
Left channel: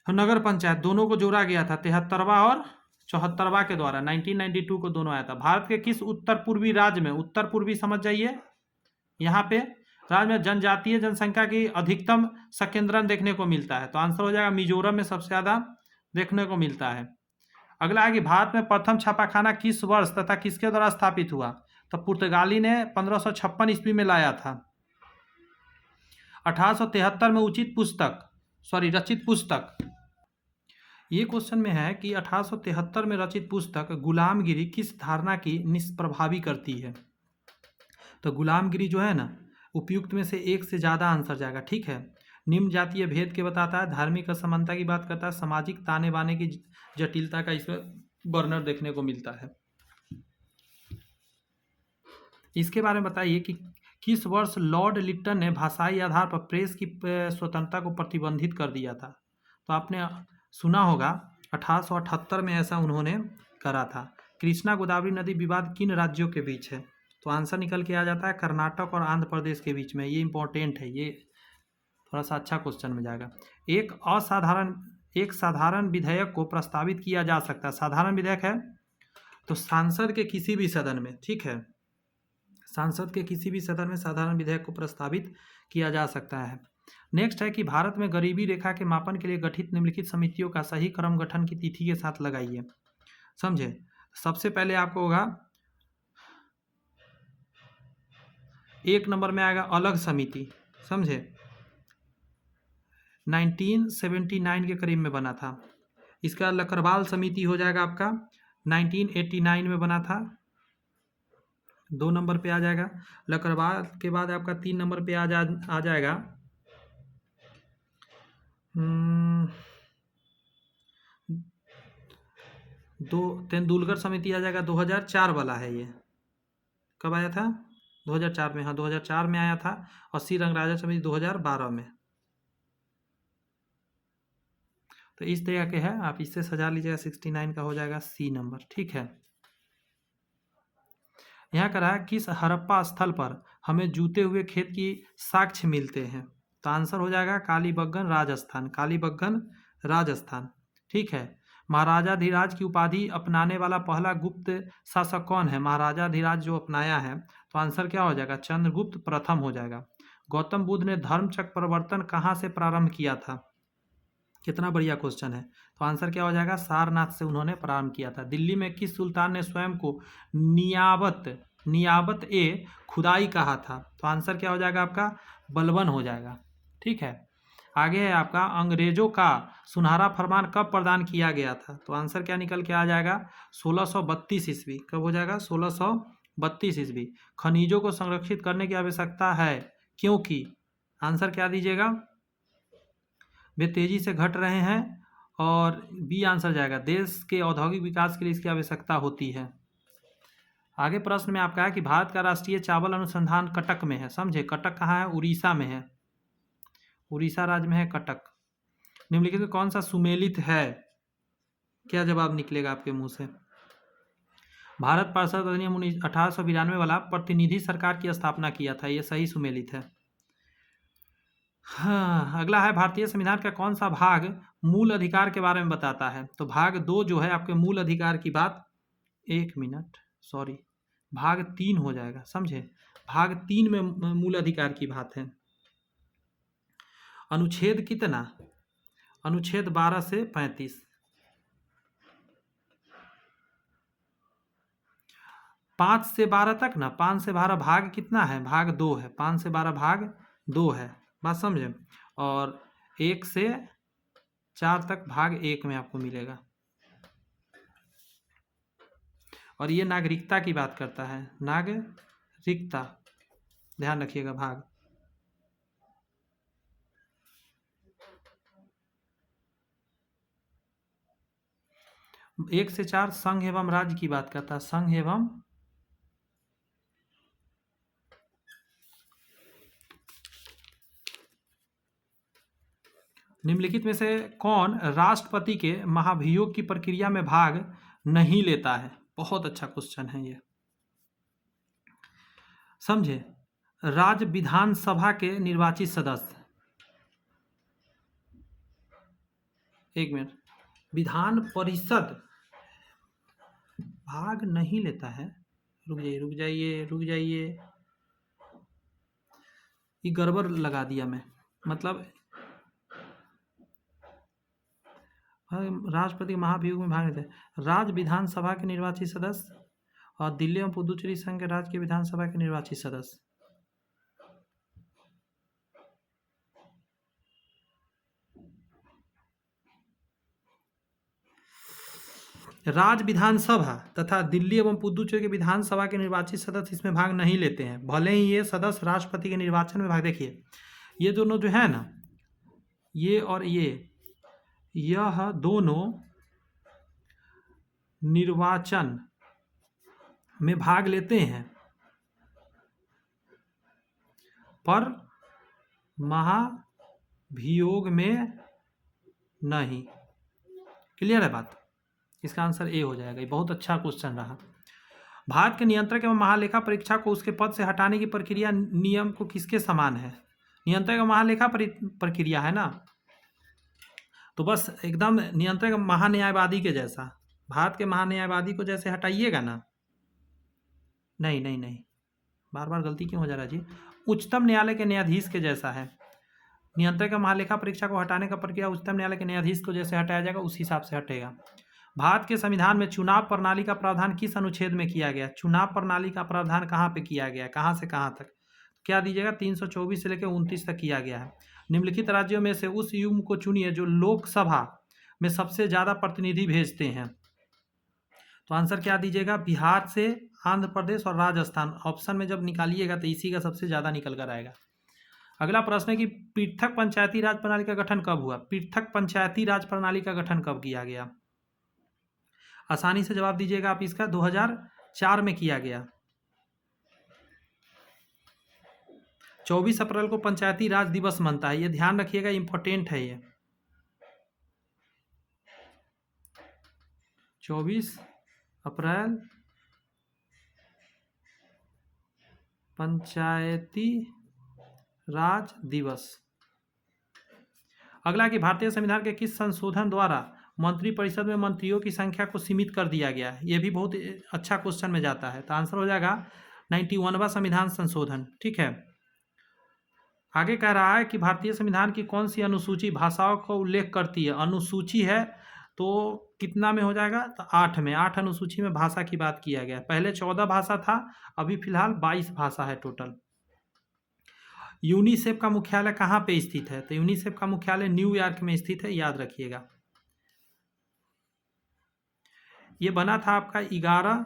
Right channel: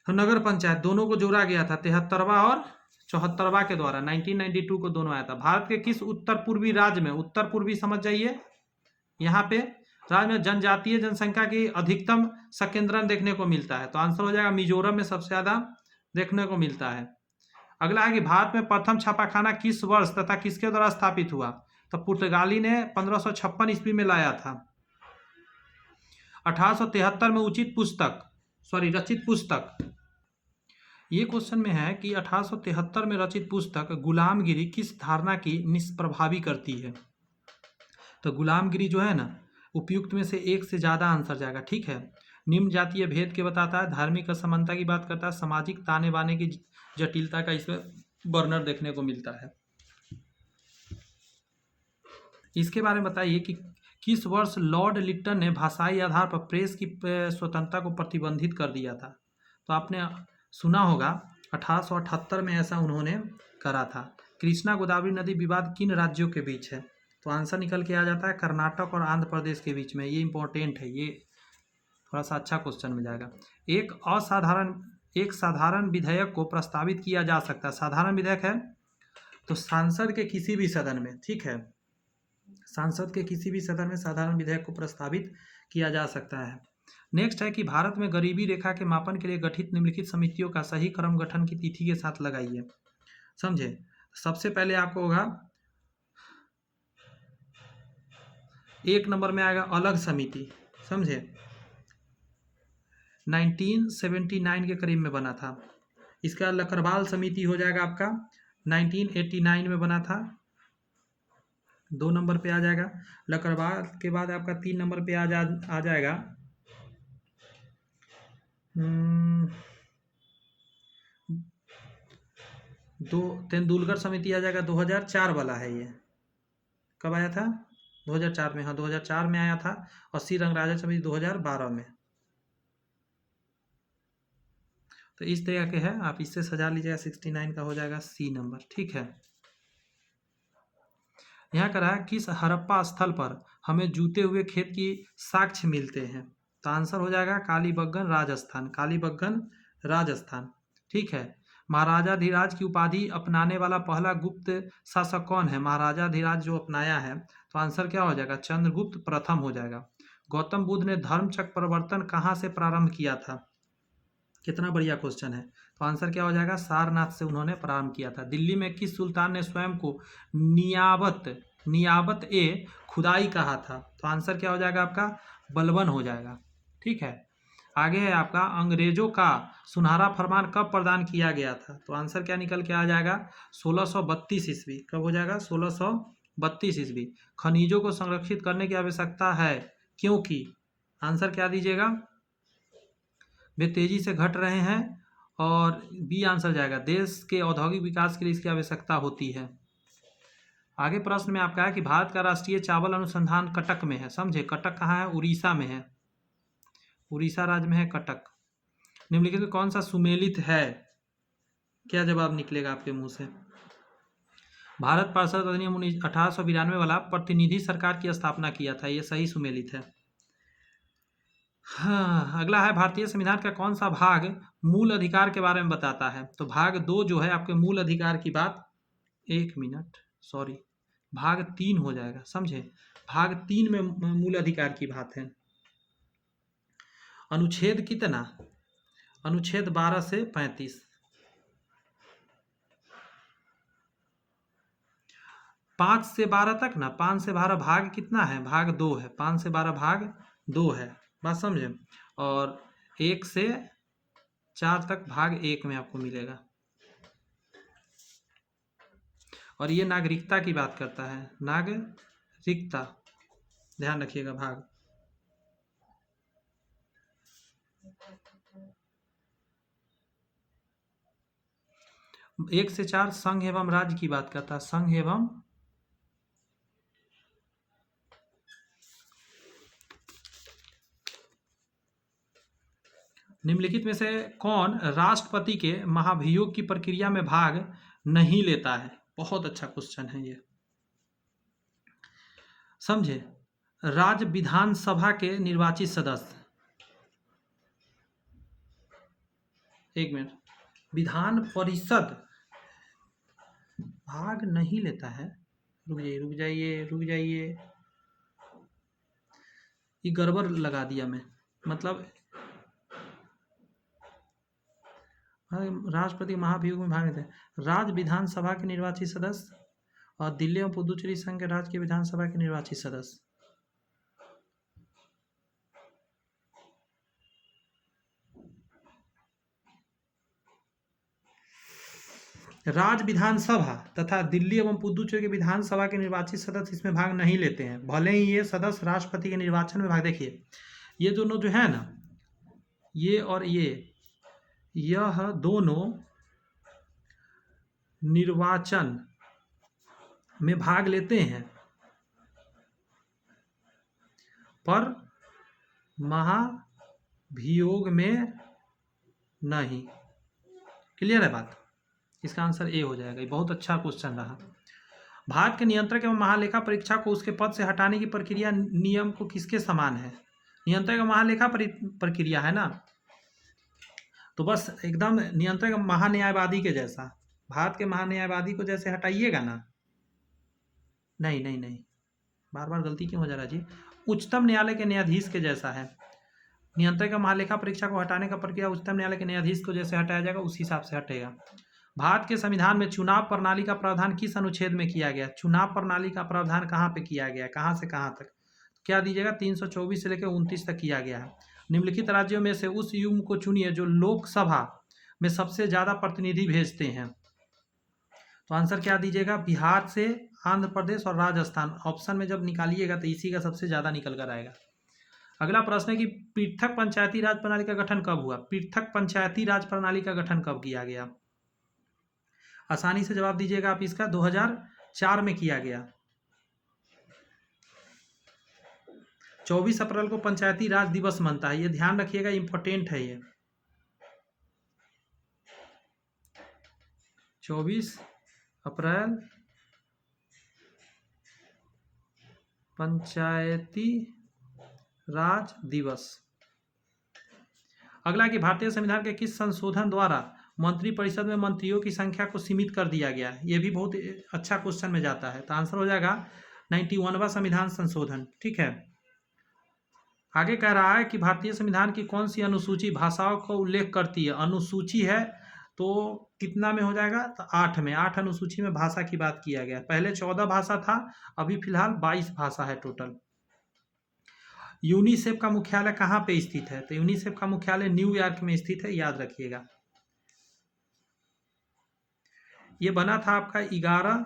तो नगर पंचायत दोनों को जोड़ा गया था, 73वां और 74वां के द्वारा 1992 को दोनों आया था। भारत के किस उत्तर पूर्वी राज्य में, उत्तर पूर्वी समझ जाइए, यहाँ पे राज्य में जनजातीय जनसंख्या की अधिकतम संकेंद्रण देखने को मिलता है? तो आंसर हो जाएगा मिजोरम में सबसे ज्यादा देखने को मिलता है। अगला है कि भारत में प्रथम छापाखाना किस वर्ष तथा किसके द्वारा स्थापित हुआ? तो पुर्तगाली ने 1556 ईस्वी में लाया था। 1873 में रचित पुस्तक, ये क्वेश्चन में है कि 1873 में रचित पुस्तक गुलामगिरी किस धारणा की निष्प्रभावी करती है? तो गुलामगिरी जो है ना, उपयुक्त में से एक से ज़्यादा आंसर जाएगा, ठीक है। निम्न जातीय भेद के बताता है, धार्मिक असमानता की बात करता है, सामाजिक ताने बाने की जटिलता का इसमें बर्नर देखने को मिलता है। इसके बारे में बताइए कि किस वर्ष लॉर्ड लिट्टन ने भाषाई आधार पर प्रेस की स्वतंत्रता को प्रतिबंधित कर दिया था? तो आपने सुना होगा 1878 में ऐसा उन्होंने करा था। कृष्णा गोदावरी नदी विवाद किन राज्यों के बीच है? तो आंसर निकल के आ जाता है कर्नाटक और आंध्र प्रदेश के बीच में। ये इंपॉर्टेंट है, ये थोड़ा सा अच्छा क्वेश्चन में जाएगा। एक साधारण विधेयक को प्रस्तावित किया जा सकता है। साधारण विधेयक है तो सांसद के किसी भी सदन में, ठीक है, सांसद के किसी भी सदन में साधारण विधेयक को प्रस्तावित किया जा सकता है। नेक्स्ट है कि भारत में गरीबी रेखा के मापन के लिए गठित निम्नलिखित समितियों का सही क्रम गठन की तिथि के साथ लगाइए, समझे। सबसे पहले आपको होगा, एक नंबर में आएगा अलग समिति, समझे, 1979 के करीब में बना था। इसका लकरवाल समिति हो जाएगा आपका 1989 में बना था, 2 नंबर पे आ जाएगा। लकरवाल के बाद आपका 3 नंबर पे आ जाएगा तेंदुलकर समिति आ जाएगा, 2004 वाला है ये। कब आया था? 2004 में, हाँ 2004 में आया था। और सी रंगराजन समिति 2012 में। तो इस तरह के है, आप इससे सजा लीजिएगा। 69 का हो जाएगा सी नंबर, ठीक है। यहाँ कह रहा है किस हड़प्पा स्थल पर हमें जूते हुए खेत की साक्ष्य मिलते हैं? तो आंसर हो जाएगा कालीबंगन राजस्थान, ठीक है। महाराजाधिराज की उपाधि अपनाने वाला पहला गुप्त शासक कौन है? महाराजाधिराज जो अपनाया है, तो आंसर क्या हो जाएगा? चंद्रगुप्त प्रथम हो जाएगा। गौतम बुद्ध ने धर्मचक्र परिवर्तन कहाँ से प्रारंभ किया था? कितना बढ़िया क्वेश्चन है। तो आंसर क्या हो जाएगा? सारनाथ से उन्होंने प्रारंभ किया था। दिल्ली में किस सुल्तान ने स्वयं को नियाबत नियाबत ए खुदाई कहा था। तो आंसर क्या हो जाएगा आपका? बलबन हो जाएगा। ठीक है, आगे है आपका अंग्रेजों का सुनहरा फरमान कब प्रदान किया गया था? तो आंसर क्या निकल के आ जाएगा? 1632 ईस्वी। कब हो जाएगा? 1632 ईस्वी। खनिजों को संरक्षित करने की आवश्यकता है क्योंकि, आंसर क्या दीजिएगा? वे तेजी से घट रहे हैं, और बी आंसर जाएगा, देश के औद्योगिक विकास के लिए इसकी आवश्यकता होती है। आगे प्रश्न में आपका है कि भारत का राष्ट्रीय चावल अनुसंधान कटक में है। समझे, कटक कहाँ है? उड़ीसा में है। उड़ीसा राज्य में है कटक। निम्नलिखित में कौन सा सुमेलित है? क्या जवाब निकलेगा आपके मुंह से? भारत पार्षद अधिनियम 1892 वाला प्रतिनिधि सरकार की स्थापना किया था, ये सही सुमेलित है। हाँ, अगला है भारतीय संविधान का कौन सा भाग मूल अधिकार के बारे में बताता है? तो भाग 2 जो है आपके मूल अधिकार की बात, 1 मिनट, सॉरी, भाग 3 हो जाएगा। समझे, भाग 3 में मूल अधिकार की बात है। अनुच्छेद कितना? अनुच्छेद 12 से 35। 5 से 12 तक ना, 5 से 12 भाग कितना है? भाग 2 है। 5 से 12 भाग 2 है, बात समझे। और 1 से 4 तक भाग 1 में आपको मिलेगा। और ये नागरिकता की बात करता है, नागरिकता, ध्यान रखिएगा भाग। एक से 4 संघ एवं राज्य की बात करता है, संघ एवं निम्नलिखित में से कौन राष्ट्रपति के महाभियोग की प्रक्रिया में भाग नहीं लेता है? बहुत अच्छा क्वेश्चन है ये। समझे, राज्य विधानसभा के निर्वाचित सदस्य, 1 मिनट, विधान परिषद भाग नहीं लेता है। रुक जाइए, ये गड़बड़ लगा दिया मैं, मतलब राष्ट्रपति महाभियोग में भाग लेते हैं राज्य विधानसभा के निर्वाचित सदस्य और दिल्ली एवं पुदुचेरी संघ के राज्य की विधानसभा के निर्वाचित सदस्य। राज्य विधानसभा तथा दिल्ली एवं पुदुचेरी के विधानसभा के निर्वाचित सदस्य इसमें भाग नहीं लेते हैं, भले ही ये सदस्य राष्ट्रपति के निर्वाचन में भाग। देखिए, ये दोनों जो है ना, ये और यह दोनों निर्वाचन में भाग लेते हैं, पर महाभियोग में नहीं। क्लियर है बात? इसका आंसर ए हो जाएगा। ये बहुत अच्छा क्वेश्चन रहा। भारत के नियंत्रक एवं महालेखा परीक्षा को उसके पद से हटाने की प्रक्रिया नियम को किसके समान है? नियंत्रक एवं महालेखा प्रक्रिया है ना, तो बस एकदम नियंत्रक महान्यायवादी के जैसा। भारत के महान्यायवादी को जैसे हटाइएगा ना, नहीं, बार बार गलती क्यों हो जा रहा है जी? उच्चतम न्यायालय के न्यायाधीश के जैसा है। नियंत्रक महालेखा परीक्षा को हटाने का प्रक्रिया उच्चतम न्यायालय के न्यायाधीश को जैसे हटाया जाएगा उस हिसाब से हटेगा। भारत के संविधान में चुनाव प्रणाली का प्रावधान किस अनुच्छेद में किया गया? चुनाव प्रणाली का प्रावधान कहाँ पे किया गया, कहाँ से कहाँ तक? क्या दीजिएगा? 324 से लेकर 29 तक किया गया है। निम्नलिखित राज्यों में से उस युग्म को चुनिए जो लोकसभा में सबसे ज्यादा प्रतिनिधि भेजते हैं। तो आंसर क्या दीजिएगा? बिहार से आंध्र प्रदेश और राजस्थान। ऑप्शन में जब निकालिएगा तो इसी का सबसे ज्यादा निकल कर आएगा। अगला प्रश्न है कि पृथक पंचायती राज प्रणाली का गठन कब हुआ? पृथक पंचायती राज प्रणाली का गठन कब किया गया? आसानी से जवाब दीजिएगा आप इसका। 2004 में किया गया। 24 अप्रैल को पंचायती राज दिवस मनता है, ये ध्यान रखिएगा, इंपॉर्टेंट है ये। 24 अप्रैल पंचायती राज दिवस। अगला कि भारतीय संविधान के किस संशोधन द्वारा मंत्रिपरिषद में मंत्रियों की संख्या को सीमित कर दिया गया? ये भी बहुत अच्छा क्वेश्चन में जाता है, तो आंसर हो जाएगा 91वां संविधान संशोधन। ठीक है, आगे कह रहा है कि भारतीय संविधान की कौन सी अनुसूची भाषाओं का उल्लेख करती है? अनुसूची है तो कितना में हो जाएगा, तो 8 में, 8 अनुसूची में भाषा की बात किया गया। पहले 14 भाषा था, अभी फिलहाल 22 भाषा है टोटल। यूनिसेफ का मुख्यालय कहाँ पे स्थित है, तो यूनिसेफ का मुख्यालय न्यूयॉर्क में स्थित है, याद रखिएगा। ये बना था आपका 11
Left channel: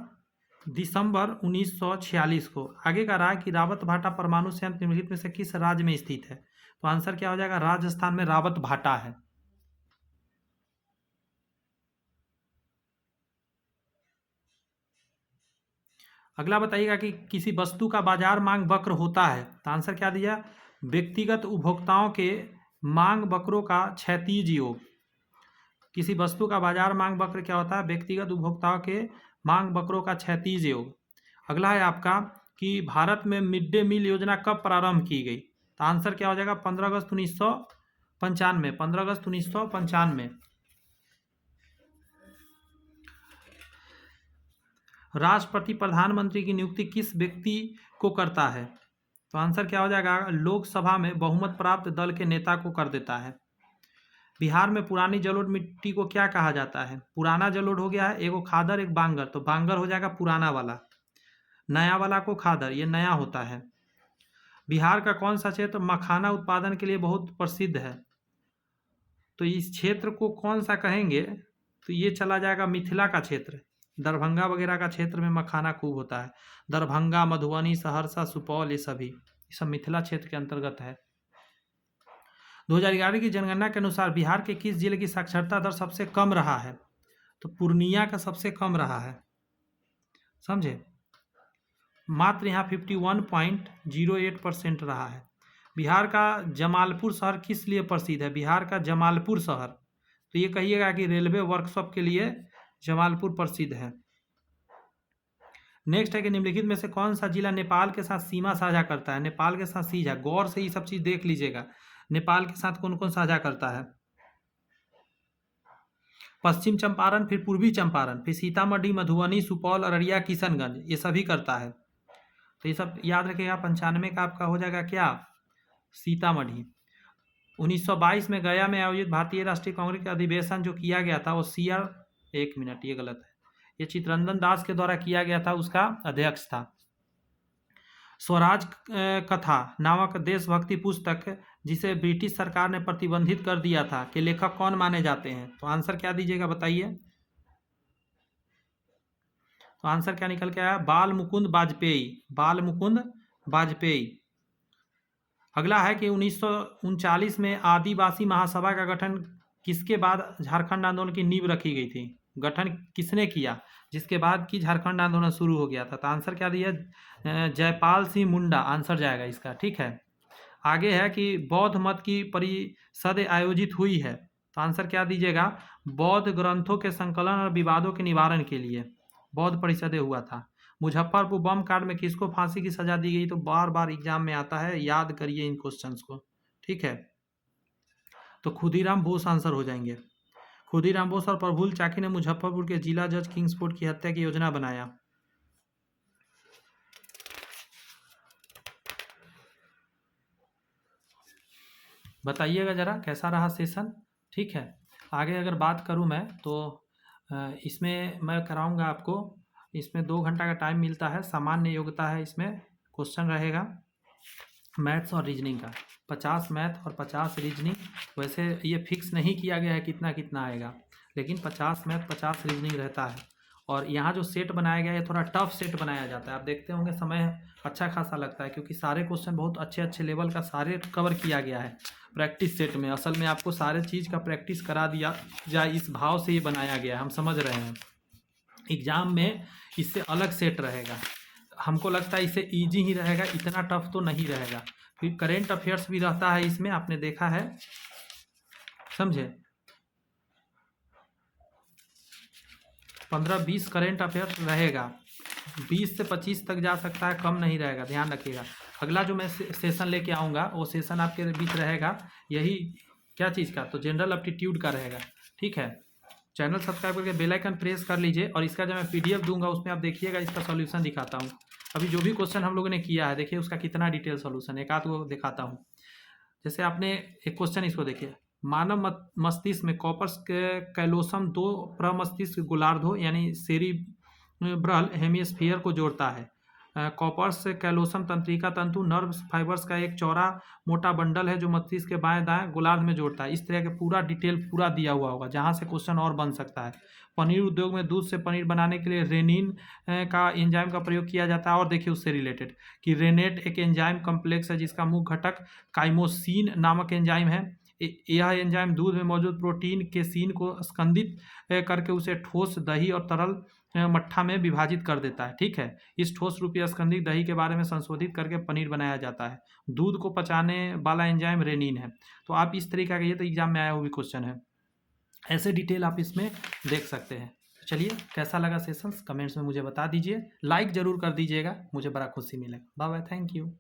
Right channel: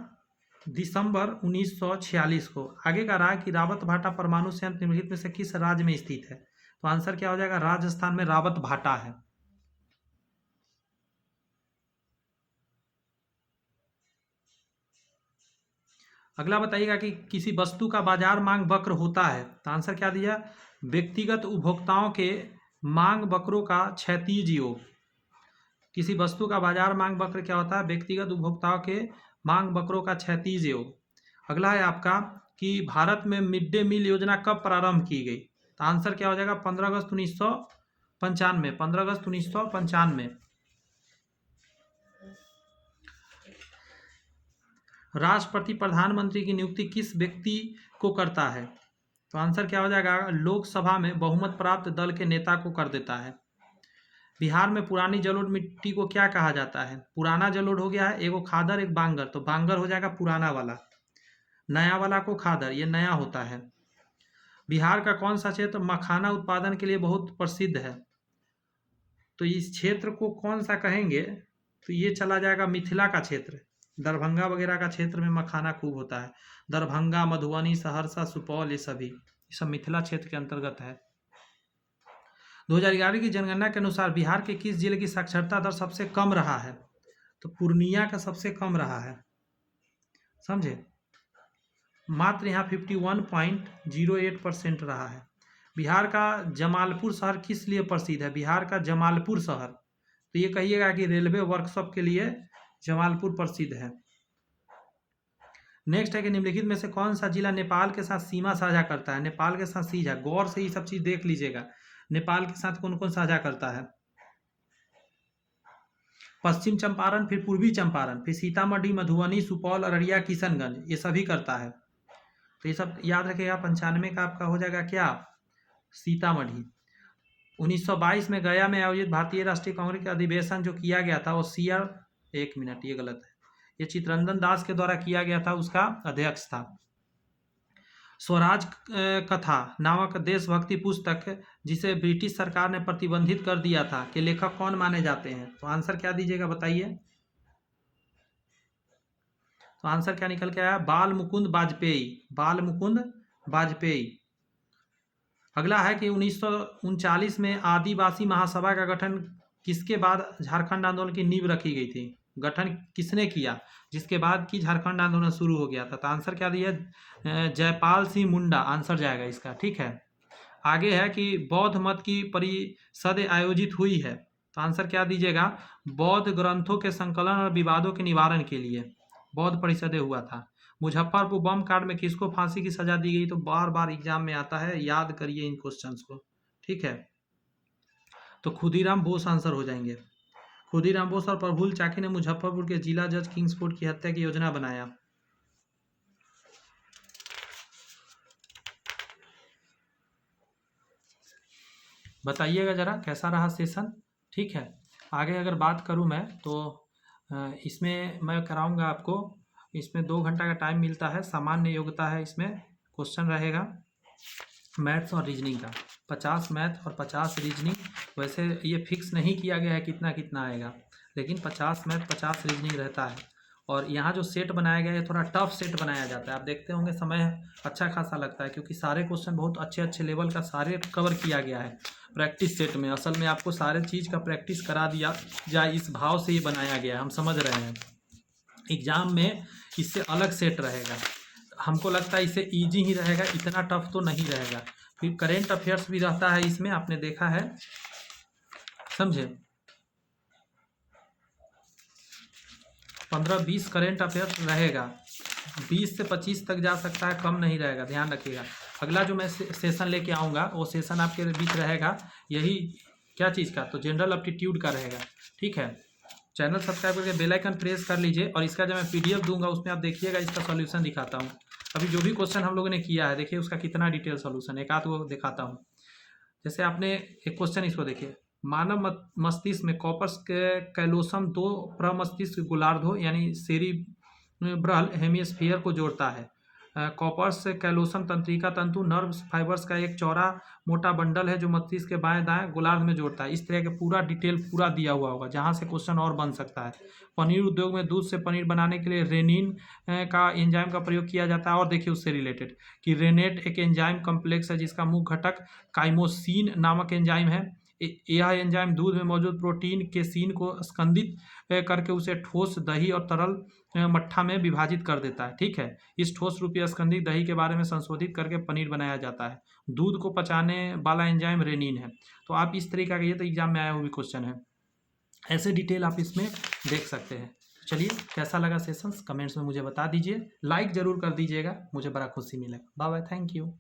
दिसंबर 1946 को। आगे का रहा कि रावत भाटा परमाणु संयंत्र निम्नलिखित में से किस राज्य में स्थित है, तो आंसर क्या हो जाएगा, राजस्थान में रावत भाटा है। अगला बताइएगा कि किसी वस्तु का बाजार मांग वक्र होता है, तो आंसर क्या दिया, व्यक्तिगत उपभोक्ताओं के मांग वक्रों का क्षैतिज योग। किसी वस्तु का बाजार मांग वक्र क्या होता है, व्यक्तिगत उपभोक्ताओं के मांग वक्रों का क्षैतिज योग। अगला है आपका कि भारत में मिड डे मील योजना कब प्रारंभ की गई, तो आंसर क्या हो जाएगा, 15 अगस्त 1995, 15 अगस्त 1995। राष्ट्रपति प्रधानमंत्री की नियुक्ति किस व्यक्ति को करता है, तो आंसर क्या हो जाएगा, लोकसभा में बहुमत प्राप्त दल के नेता को कर देता है। बिहार में पुरानी जलोढ़ मिट्टी को क्या कहा जाता है, पुराना जलोढ़ हो गया है, एगो खादर एक बांगर, तो बांगर हो जाएगा पुराना वाला, नया वाला को खादर, ये नया होता है। बिहार का कौन सा क्षेत्र मखाना उत्पादन के लिए बहुत प्रसिद्ध है, तो इस क्षेत्र को कौन सा कहेंगे, तो ये चला जाएगा मिथिला का क्षेत्र, दरभंगा वगैरह का क्षेत्र में मखाना खूब होता है। दरभंगा, मधुबनी, सहरसा, सुपौल, ये सब मिथिला क्षेत्र के अंतर्गत है। 2011 की जनगणना के अनुसार बिहार के किस जिले की साक्षरता दर सबसे कम रहा है, तो पूर्णिया का सबसे कम रहा है, समझे, मात्र यहाँ 51.08% रहा है। बिहार का जमालपुर शहर किस लिए प्रसिद्ध है, बिहार का जमालपुर शहर, तो ये कहिएगा कि रेलवे वर्कशॉप के लिए जमालपुर प्रसिद्ध है। नेक्स्ट है कि निम्नलिखित में से कौन सा जिला नेपाल के साथ सीमा साझा करता है, नेपाल के साथ सीधा, गौर से ये सब चीज देख लीजिएगा, नेपाल के साथ कौन कौन साझा करता है, पश्चिम चंपारण, फिर पूर्वी चंपारण, फिर सीतामढ़ी, मधुबनी, सुपौल, अररिया, किशनगंज, ये सभी करता है। तो ये सब याद रखिएगा। 95 का आपका हो जाएगा क्या, सीतामढ़ी। 1922 में गया में आयोजित भारतीय राष्ट्रीय कांग्रेस का अधिवेशन जो किया गया था, वो एक मिनट, ये गलत है, ये चित्तरंजन दास के द्वारा किया गया था, उसका अध्यक्ष था। स्वराज कथा नामक देशभक्ति पुस्तक जिसे ब्रिटिश सरकार ने प्रतिबंधित कर दिया था कि लेखक कौन माने जाते हैं, तो आंसर क्या दीजिएगा बताइए, तो आंसर क्या निकल के आया, बाल मुकुंद वाजपेयी, बाल मुकुंद वाजपेयी। अगला है कि 1939 में आदिवासी महासभा का गठन किसके बाद झारखंड आंदोलन की नींव रखी गई थी, गठन किसने किया जिसके बाद की झारखंड आंदोलन शुरू हो गया था, तो आंसर क्या दिया, जयपाल सिंह मुंडा, आंसर जाएगा इसका, ठीक है। आगे है कि बौद्ध मत की परिषद आयोजित हुई है, तो आंसर क्या दीजिएगा, बौद्ध ग्रंथों के संकलन और विवादों के निवारण के लिए बौद्ध परिषदें हुआ था। मुजफ्फरपुर बम कांड में किसको फांसी की सजा दी गई, तो बार बार एग्जाम में आता है, याद करिए इन क्वेश्चंस को, ठीक है। तो खुदीराम बोस आंसर हो जाएंगे। खुदीराम बोस और प्रफुल्ल चाकी ने मुजफ्फरपुर के जिला जज किंग्सफोर्ड की हत्या की योजना बनाया। बताइएगा जरा कैसा रहा सेशन, ठीक है। आगे अगर बात करूं मैं तो इसमें मैं कराऊंगा आपको, इसमें 2 घंटा का टाइम मिलता है, सामान्य योग्यता है, इसमें क्वेश्चन रहेगा मैथ्स और रीजनिंग का, 50 मैथ और 50 रीजनिंग। वैसे ये फिक्स नहीं किया गया है कितना कितना आएगा, लेकिन 50 मैथ 50 रीजनिंग रहता है। और यहाँ जो सेट बनाया गया है थोड़ा टफ सेट बनाया जाता है, आप देखते होंगे समय अच्छा खासा लगता है, क्योंकि सारे क्वेश्चन बहुत अच्छे अच्छे लेवल का सारे कवर किया गया है प्रैक्टिस सेट में। असल में आपको सारे चीज़ का प्रैक्टिस करा दिया जाए, इस भाव से ये बनाया गया है, हम समझ रहे हैं। एग्ज़ाम में इससे अलग सेट रहेगा, हमको लगता है इसे ईजी ही रहेगा, इतना टफ तो नहीं रहेगा। फिर करेंट अफेयर्स भी रहता है इसमें, आपने देखा है, समझे, 15-20 करेंट अफेयर्स रहेगा, 20 से 25 तक जा सकता है, कम नहीं रहेगा, ध्यान रखिएगा। अगला जो मैं सेशन लेके आऊँगा वो सेशन आपके बीच रहेगा यही क्या चीज़ का, तो जनरल एप्टीट्यूड का रहेगा, ठीक है। चैनल सब्सक्राइब करके बेल आइकन प्रेस कर लीजिए, और इसका जब मैं पीडीएफ दूंगा उसमें आप देखिएगा, इसका सॉल्यूशन दिखाता हूँ। अभी जो भी क्वेश्चन हम लोगों ने किया है देखिए उसका कितना डिटेल सॉल्यूशन, एक आध वो दिखाता हूँ। जैसे आपने एक क्वेश्चन इसको देखिए, मानव मस्तिष्क में कॉर्पस कैलोसम दो प्रमस्तिष्क गोलार्ध यानी सेरिब्रल हेमिस्फीयर को जोड़ता है। कॉर्पस कैलोसम तंत्रिका तंतु नर्व फाइबर्स का एक चौड़ा मोटा बंडल है जो मस्तिष्क के बाएं दाएं गोलार्ध में जोड़ता है। इस तरह के पूरा डिटेल पूरा दिया हुआ होगा जहां से क्वेश्चन और बन सकता है। पनीर उद्योग में दूध से पनीर बनाने के लिए रेनिन का एंजाइम का प्रयोग किया जाता है। और देखिए उससे रिलेटेड कि रेनेट एक एंजाइम कम्प्लेक्स है जिसका मुख्य घटक काइमोसिन नामक एंजाइम है। यह एंजाइम दूध में मौजूद प्रोटीन केसीन को स्कंदित करके उसे ठोस दही और तरल मट्ठा में विभाजित कर देता है। ठीक है, इस ठोस रूपी स्कंदित दही के बारे में संशोधित करके पनीर बनाया जाता है। दूध को पचाने वाला एंजाइम रेनिन है। तो आप इस तरीके का, ये तो एग्जाम में आया हुआ भी क्वेश्चन है, ऐसे डिटेल आप इसमें देख सकते हैं। चलिए, कैसा लगा सेशंस कमेंट्स में मुझे बता दीजिए, लाइक जरूर कर दीजिएगा, मुझे बड़ा खुशी मिलेगा। Bye bye, thank you.